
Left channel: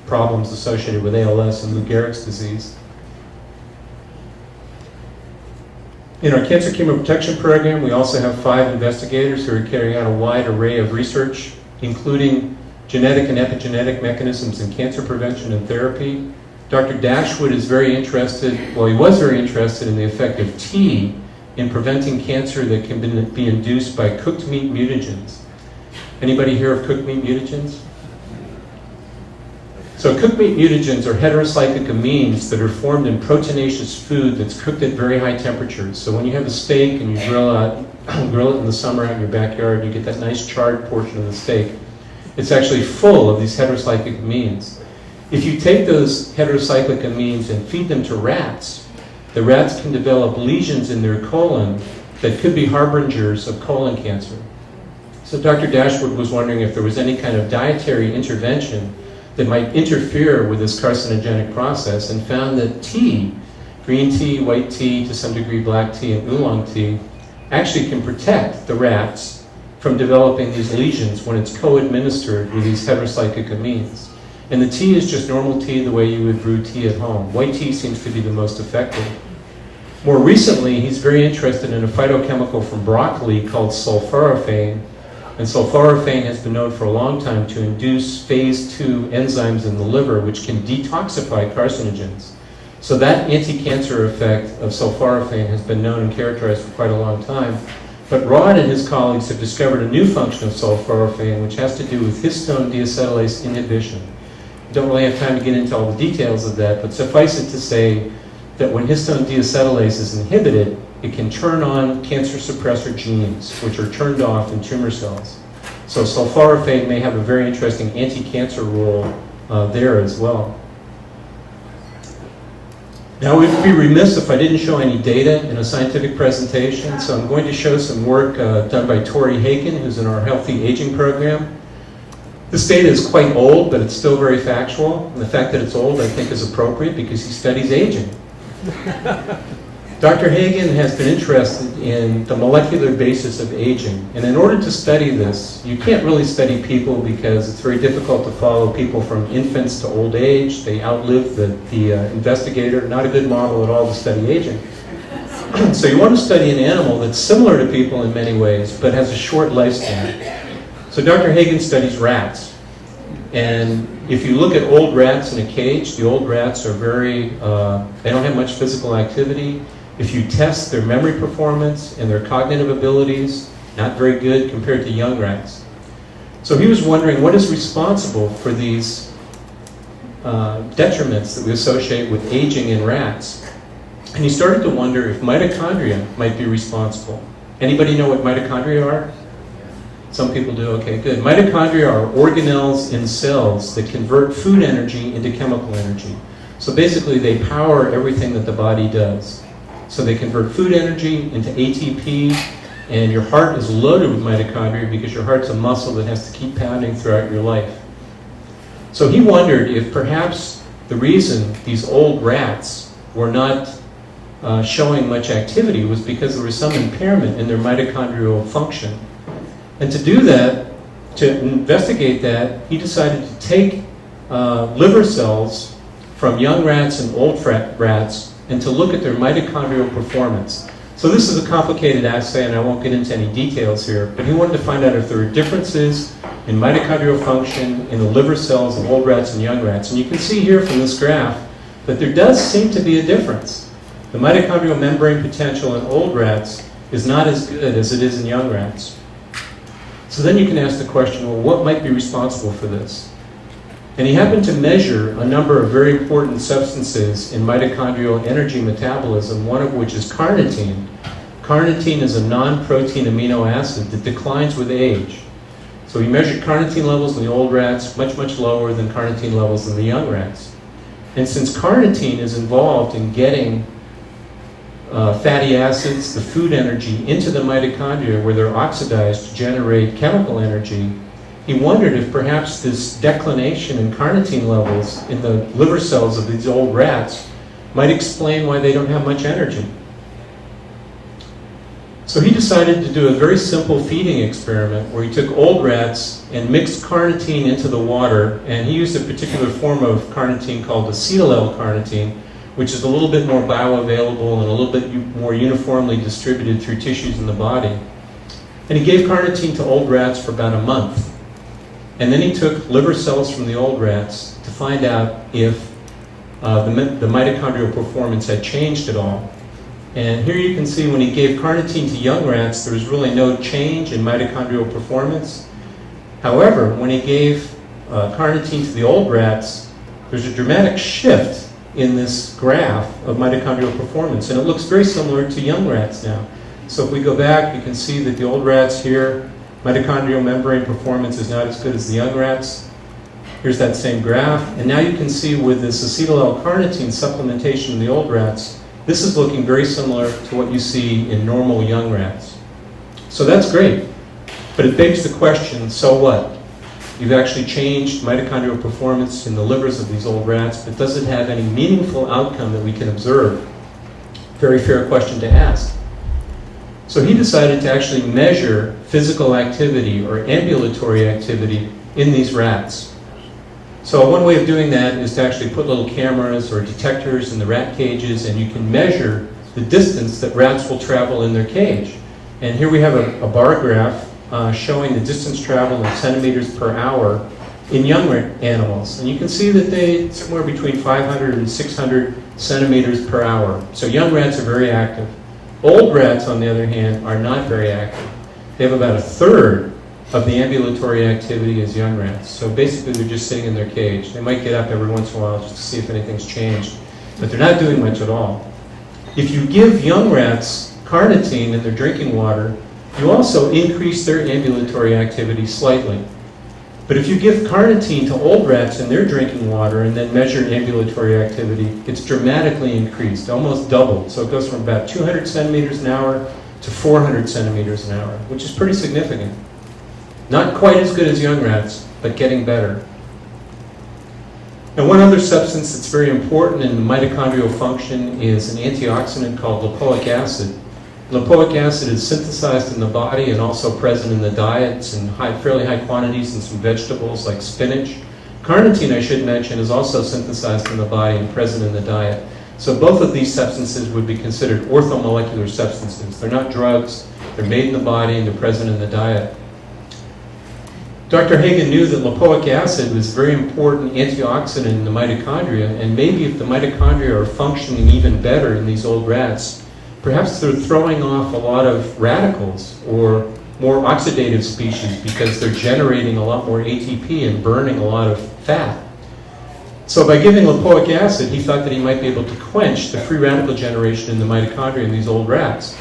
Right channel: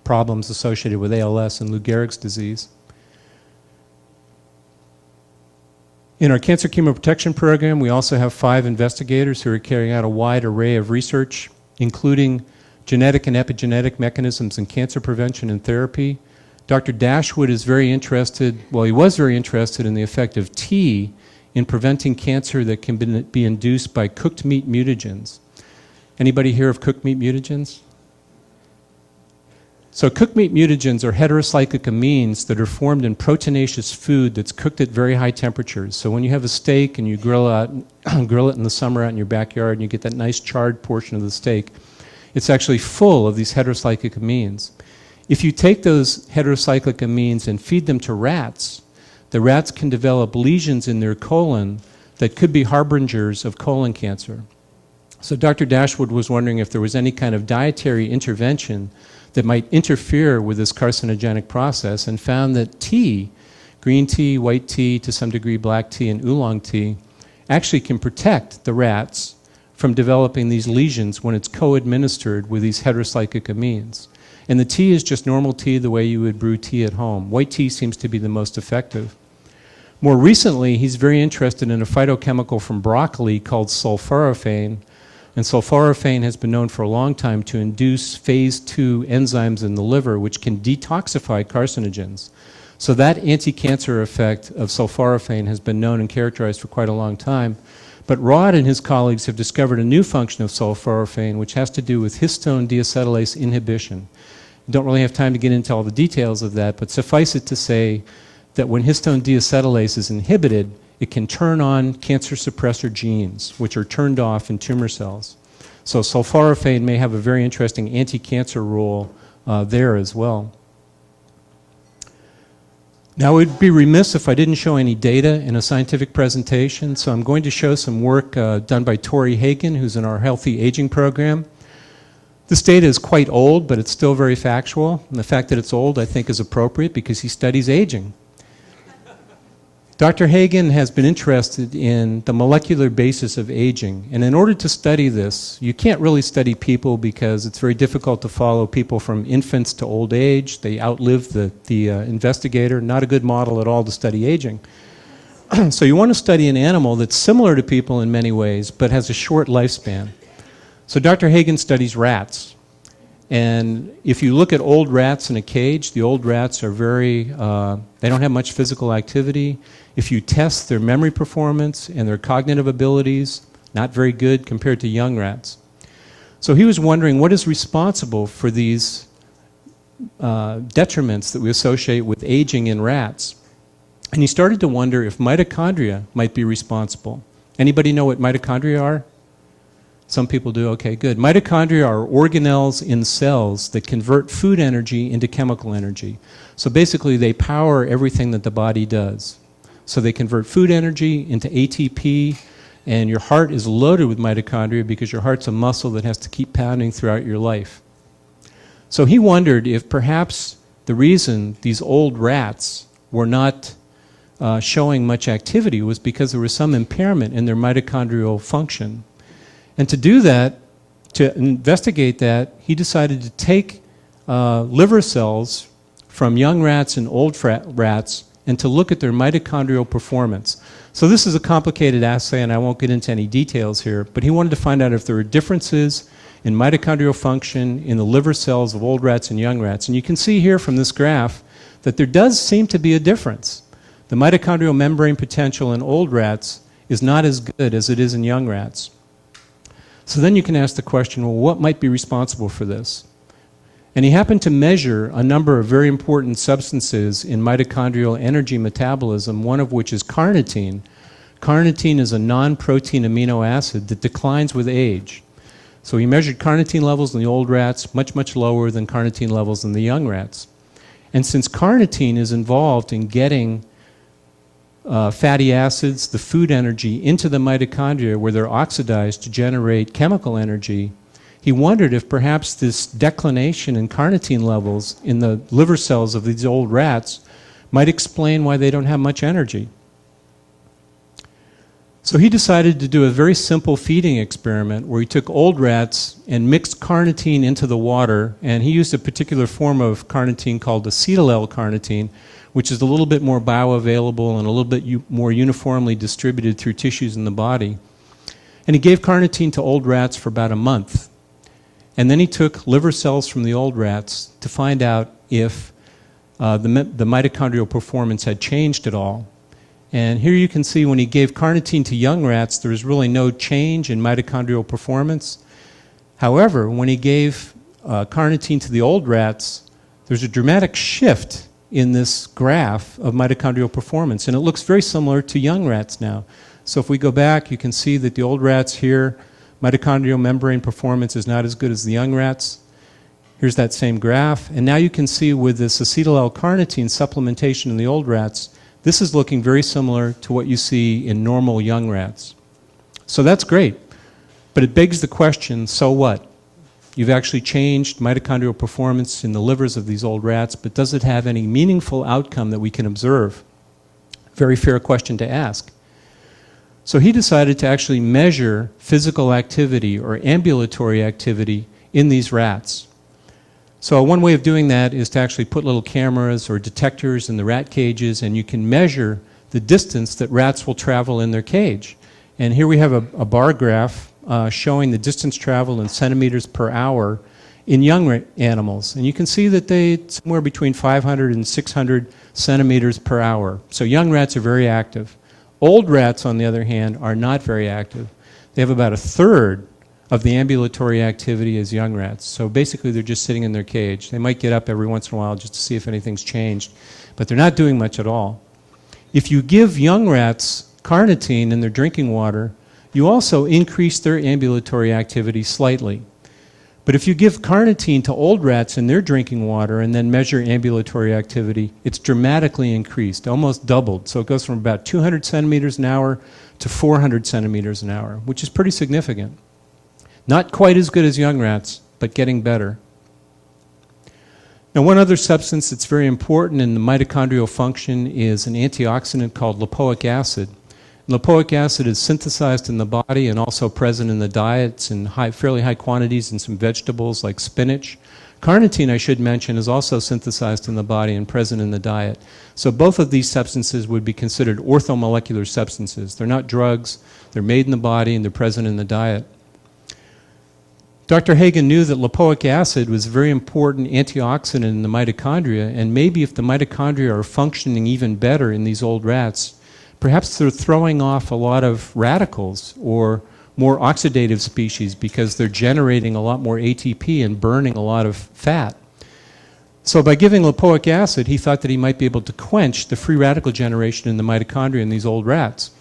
problems associated with ALS and Lou Gehrig's disease. In our cancer chemoprotection program, we also have 5 investigators who are carrying out a wide array of research, including genetic and epigenetic mechanisms in cancer prevention and therapy. Dr. Dashwood is very interested, well, he was very interested in the effect of tea in preventing cancer that can be induced by cooked meat mutagens. Anybody hear of cooked meat mutagens? So cooked meat mutagens are heterocyclic amines that are formed in proteinaceous food that's cooked at very high temperatures. So when you have a steak and you grill it in the summer out in your backyard, you get that nice charred portion of the steak. It's actually full of these heterocyclic amines. If you take those heterocyclic amines and feed them to rats, the rats can develop lesions in their colon that could be harbingers of colon cancer. So Dr. Dashwood was wondering if there was any kind of dietary intervention that might interfere with this carcinogenic process, and found that tea, green tea, white tea, to some degree black tea, and oolong tea, actually can protect the rats from developing these lesions when it's co-administered with these heterocyclic amines. And the tea is just normal tea, the way you would brew tea at home. White tea seems to be the most effective. More recently, he's very interested in a phytochemical from broccoli called sulforaphane. And sulforaphane has been known for a long time to induce phase 2 enzymes in the liver, which can detoxify carcinogens. So that anti-cancer effect of sulforaphane has been known and characterized for quite a long time. But Rod and his colleagues have discovered a new function of sulforaphane, which has to do with histone deacetylase inhibition. Don't really have time to get into all the details of that, but suffice it to say that when histone deacetylase is inhibited, it can turn on cancer suppressor genes, which are turned off in tumor cells. So sulforaphane may have a very interesting anti-cancer role there as well. Now, it would be remiss if I didn't show any data in a scientific presentation, so I'm going to show some work done by Tori Hagen, who's in our Healthy Aging program. This data is quite old, but it's still very factual. And the fact that it's old, I think, is appropriate because he studies aging. Dr. Hagen has been interested in the molecular basis of aging. And in order to study this, you can't really study people because it's very difficult to follow people from infants to old age. They outlive the investigator. Not a good model at all to study aging. So you want to study an animal that's similar to people in many ways, but has a short lifespan. So Dr. Hagen studies rats. And if you look at old rats in a cage, the old rats are they don't have much physical activity. If you test their memory performance and their cognitive abilities, not very good compared to young rats. So he was wondering what is responsible for these detriments that we associate with aging in rats. And he started to wonder if mitochondria might be responsible. Anybody know what mitochondria are? Some people do, okay, good. Mitochondria are organelles in cells that convert food energy into chemical energy. So basically they power everything that the body does. So they convert food energy into ATP, and your heart is loaded with mitochondria because your heart's a muscle that has to keep pounding throughout your life. So he wondered if perhaps the reason these old rats were not showing much activity was because there was some impairment in their mitochondrial function. And to do that, to investigate that, he decided to take liver cells from young rats and old rats and to look at their mitochondrial performance. So this is a complicated assay, and I won't get into any details here, but he wanted to find out if there were differences in mitochondrial function in the liver cells of old rats and young rats. And you can see here from this graph that there does seem to be a difference. The mitochondrial membrane potential in old rats is not as good as it is in young rats. So then you can ask the question, well, what might be responsible for this? And he happened to measure a number of very important substances in mitochondrial energy metabolism, one of which is carnitine. Carnitine is a non-protein amino acid that declines with age. So he measured carnitine levels in the old rats, much, much lower than carnitine levels in the young rats. And since carnitine is involved in getting fatty acids, the food energy, into the mitochondria where they're oxidized to generate chemical energy, he wondered if perhaps this declination in carnitine levels in the liver cells of these old rats might explain why they don't have much energy. So he decided to do a very simple feeding experiment where he took old rats and mixed carnitine into the water, and he used a particular form of carnitine called acetyl L-carnitine, which is a little bit more bioavailable and a little bit more uniformly distributed through tissues in the body. And he gave carnitine to old rats for about a month. And then he took liver cells from the old rats to find out if the mitochondrial performance had changed at all. And here you can see when he gave carnitine to young rats, there was really no change in mitochondrial performance. However, when he gave carnitine to the old rats, there's a dramatic shift in this graph of mitochondrial performance, and it looks very similar to young rats now. So if we go back, you can see that the old rats here, mitochondrial membrane performance is not as good as the young rats. Here's that same graph, and now you can see with this acetyl L-carnitine supplementation in the old rats, this is looking very similar to what you see in normal young rats. So that's great, but it begs the question, so what? You've actually changed mitochondrial performance in the livers of these old rats, but does it have any meaningful outcome that we can observe? Very fair question to ask. So he decided to actually measure physical activity or ambulatory activity in these rats. So one way of doing that is to actually put little cameras or detectors in the rat cages, and you can measure the distance that rats will travel in their cage. And here we have a bar graph showing the distance traveled in centimeters per hour in young animals. And you can see that they somewhere between 500 and 600 centimeters per hour. So young rats are very active. Old rats, on the other hand, are not very active. They have about a third of the ambulatory activity as young rats. So basically they're just sitting in their cage. They might get up every once in a while just to see if anything's changed, but they're not doing much at all. If you give young rats carnitine in their drinking water, you also increase their ambulatory activity slightly. But if you give carnitine to old rats in their drinking water and then measure ambulatory activity, it's dramatically increased, almost doubled. So it goes from about 200 centimeters an hour to 400 centimeters an hour, which is pretty significant. Not quite as good as young rats, but getting better. Now, one other substance that's very important in the mitochondrial function is an antioxidant called lipoic acid. Lipoic acid is synthesized in the body and also present in the diets in fairly high quantities in some vegetables like spinach. Carnitine, I should mention, is also synthesized in the body and present in the diet. So both of these substances would be considered orthomolecular substances. They're not drugs, they're made in the body and they're present in the diet. Dr. Hagen knew that lipoic acid was a very important antioxidant in the mitochondria, and maybe if the mitochondria are functioning even better in these old rats, perhaps they're throwing off a lot of radicals or more oxidative species because they're generating a lot more ATP and burning a lot of fat. So by giving lipoic acid, he thought that he might be able to quench the free radical generation in the mitochondria in these old rats.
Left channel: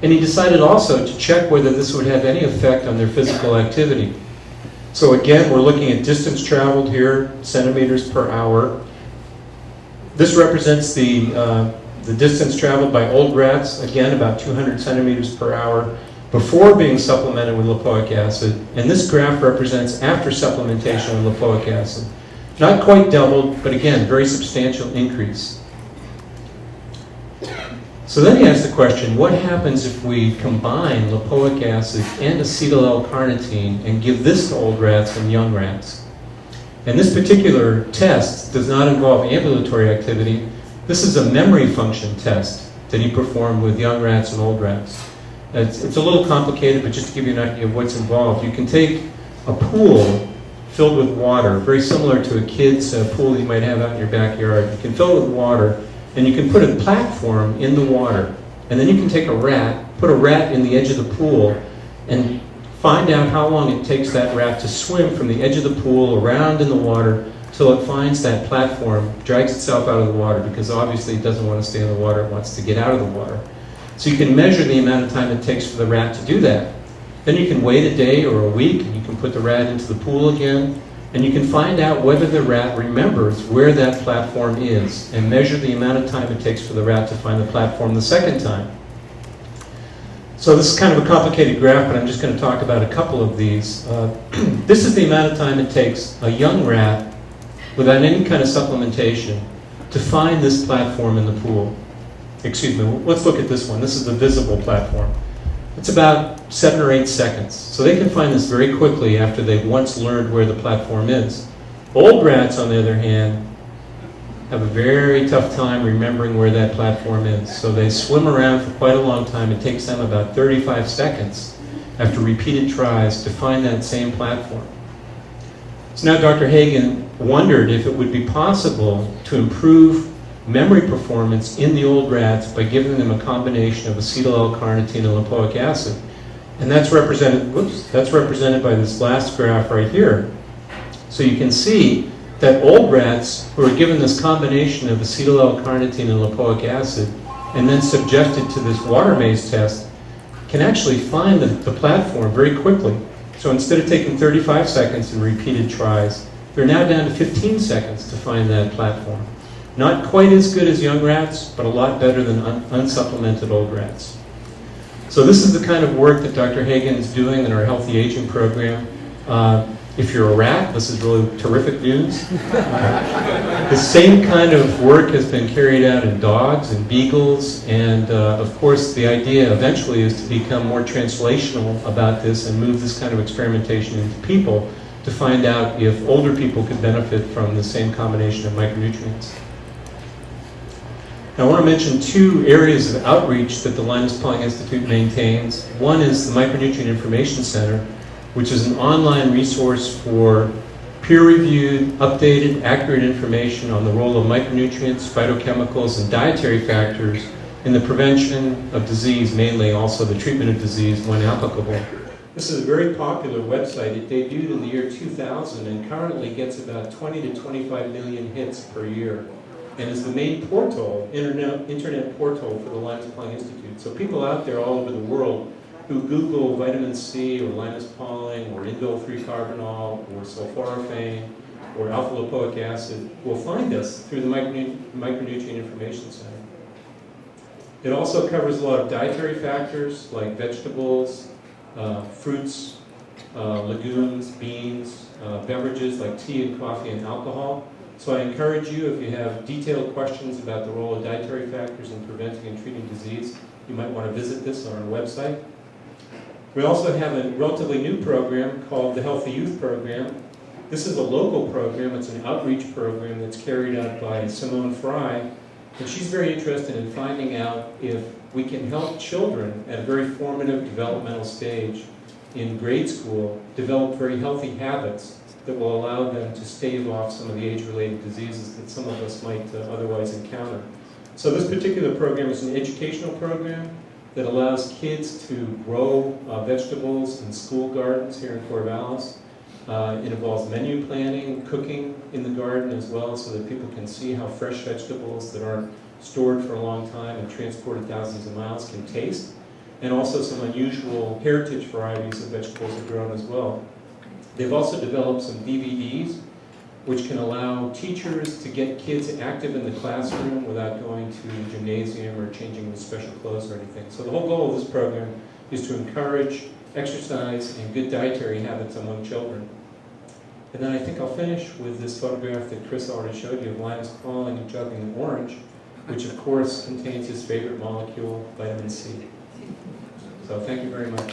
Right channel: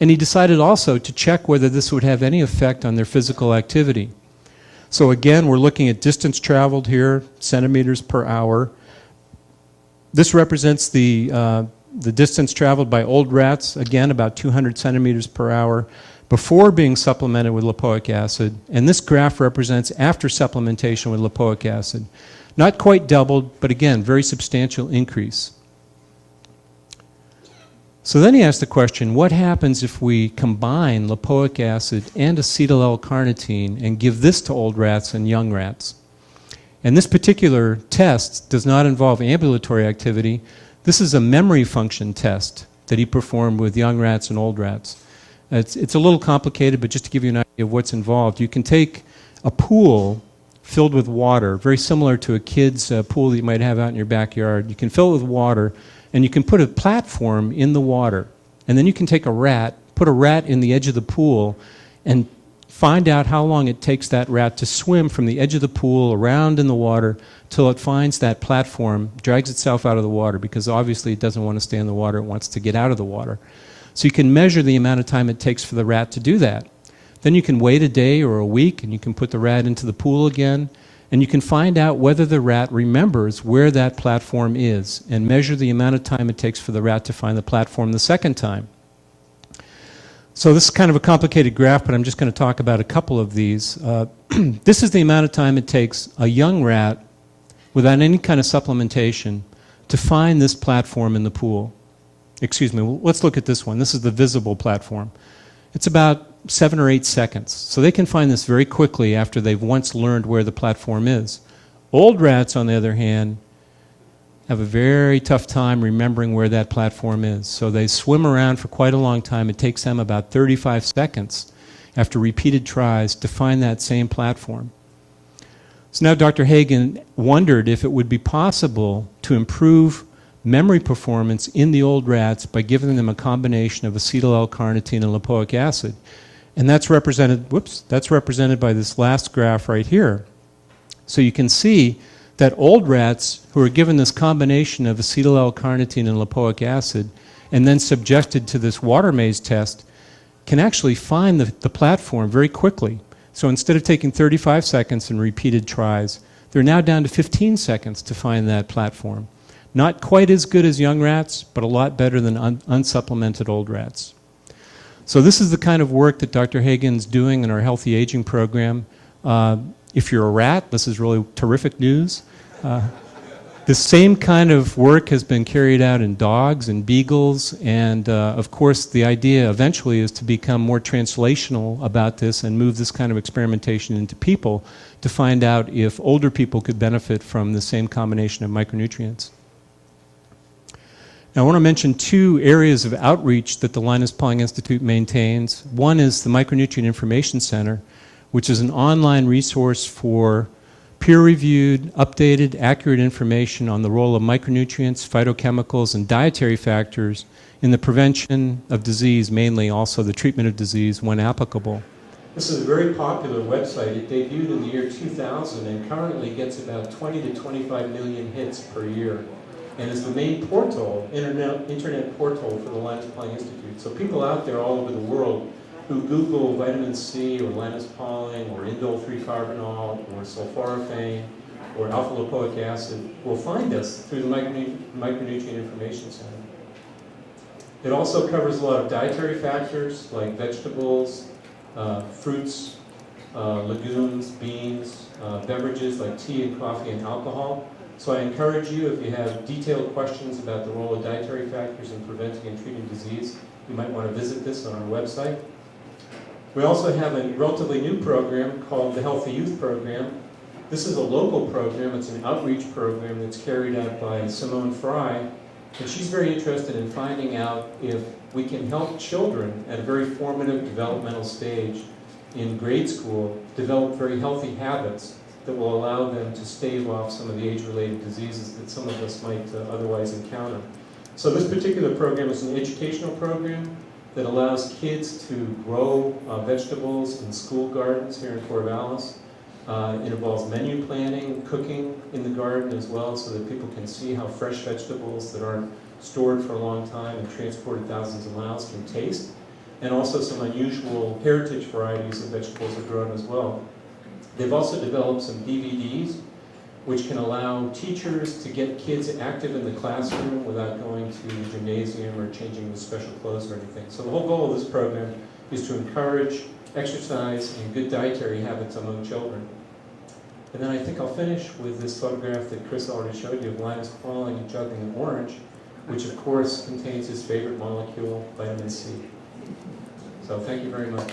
And he decided also to check whether this would have any effect on their physical activity. So again, we're looking at distance traveled here, centimeters per hour. This represents the distance traveled by old rats, again about 200 centimeters per hour, before being supplemented with lipoic acid. And this graph represents after supplementation with lipoic acid. Not quite doubled, but again, very substantial increase. So then he asked the question, what happens if we combine lipoic acid and acetyl L-carnitine and give this to old rats and young rats? And this particular test does not involve ambulatory activity. This is a memory function test that he performed with young rats and old rats. It's a little complicated, but just to give you an idea of what's involved, you can take a pool filled with water, very similar to a kid's pool that you might have out in your backyard. You can fill it with water, and you can put a platform in the water. And then you can take a rat, put a rat in the edge of the pool, and find out how long it takes that rat to swim from the edge of the pool around in the water till it finds that platform, drags itself out of the water, because obviously it doesn't want to stay in the water, it wants to get out of the water. So you can measure the amount of time it takes for the rat to do that. Then you can wait a day or a week, and you can put the rat into the pool again, and you can find out whether the rat remembers where that platform is, and measure the amount of time it takes for the rat to find the platform the second time. So this is kind of a complicated graph, but I'm just going to talk about a couple of these. This is the amount of time it takes a young rat, without any kind of supplementation, to find this platform in the pool. Excuse me, let's look at this one. This is the visible platform. It's about 7 or 8 seconds. So they can find this very quickly after they've once learned where the platform is. Old rats, on the other hand, have a very tough time remembering where that platform is. So they swim around for quite a long time. It takes them about 35 seconds after repeated tries to find that same platform. So now Dr. Hagen wondered if it would be possible to improve memory performance in the old rats by giving them a combination of acetyl L-carnitine and lipoic acid. And that's represented by this last graph right here. So you can see that old rats who are given this combination of acetyl L-carnitine and lipoic acid and then subjected to this water maze test can actually find the platform very quickly. So instead of taking 35 seconds in repeated tries, they're now down to 15 seconds to find that platform. Not quite as good as young rats, but a lot better than unsupplemented old rats. So this is the kind of work that Dr. Hagen is doing in our healthy aging program. If you're a rat, this is really terrific news. The same kind of work has been carried out in dogs and beagles, and of course the idea eventually is to become more translational about this and move this kind of experimentation into people to find out if older people could benefit from the same combination of micronutrients. Now, I want to mention 2 areas of outreach that the Linus Pauling Institute maintains. One is the Micronutrient Information Center, which is an online resource for peer-reviewed, updated, accurate information on the role of micronutrients, phytochemicals, and dietary factors in the prevention of disease, mainly also the treatment of disease when applicable. This is a very popular website. It debuted in the year 2000 and currently gets about 20 to 25 million hits per year, and is the main portal, internet portal for the Linus Pauling Institute. So people out there all over the world who Google vitamin C or Linus Pauling or indole 3-carbinol or sulforaphane or alpha-lipoic acid will find us through the Micronutrient Information Center. It also covers a lot of dietary factors like vegetables, fruits, legumes, beans, beverages like tea and coffee and alcohol. So I encourage you, if you have detailed questions about the role of dietary factors in preventing and treating disease, you might want to visit this on our website. We also have a relatively new program called the Healthy Youth Program. This is a local program. It's an outreach program that's carried out by Simone Fry, and she's very interested in finding out if we can help children at a very formative developmental stage in grade school develop very healthy habits that will allow them to stave off some of the age-related diseases that some of us might otherwise encounter. So this particular program is an educational program that allows kids to grow vegetables in school gardens here in Corvallis. It involves menu planning, cooking in the garden as well, so that people can see how fresh vegetables that aren't stored for a long time and transported thousands of miles can taste, and also some unusual heritage varieties of vegetables are grown as well. They've also developed some DVDs which can allow teachers to get kids active in the classroom without going to the gymnasium or changing special clothes or anything. So the whole goal of this program is to encourage exercise and good dietary habits among children. And then I think I'll finish with this photograph that Chris already showed you of Linus Pauling juggling an orange. which of course contains his favorite molecule, vitamin C. So thank you very much.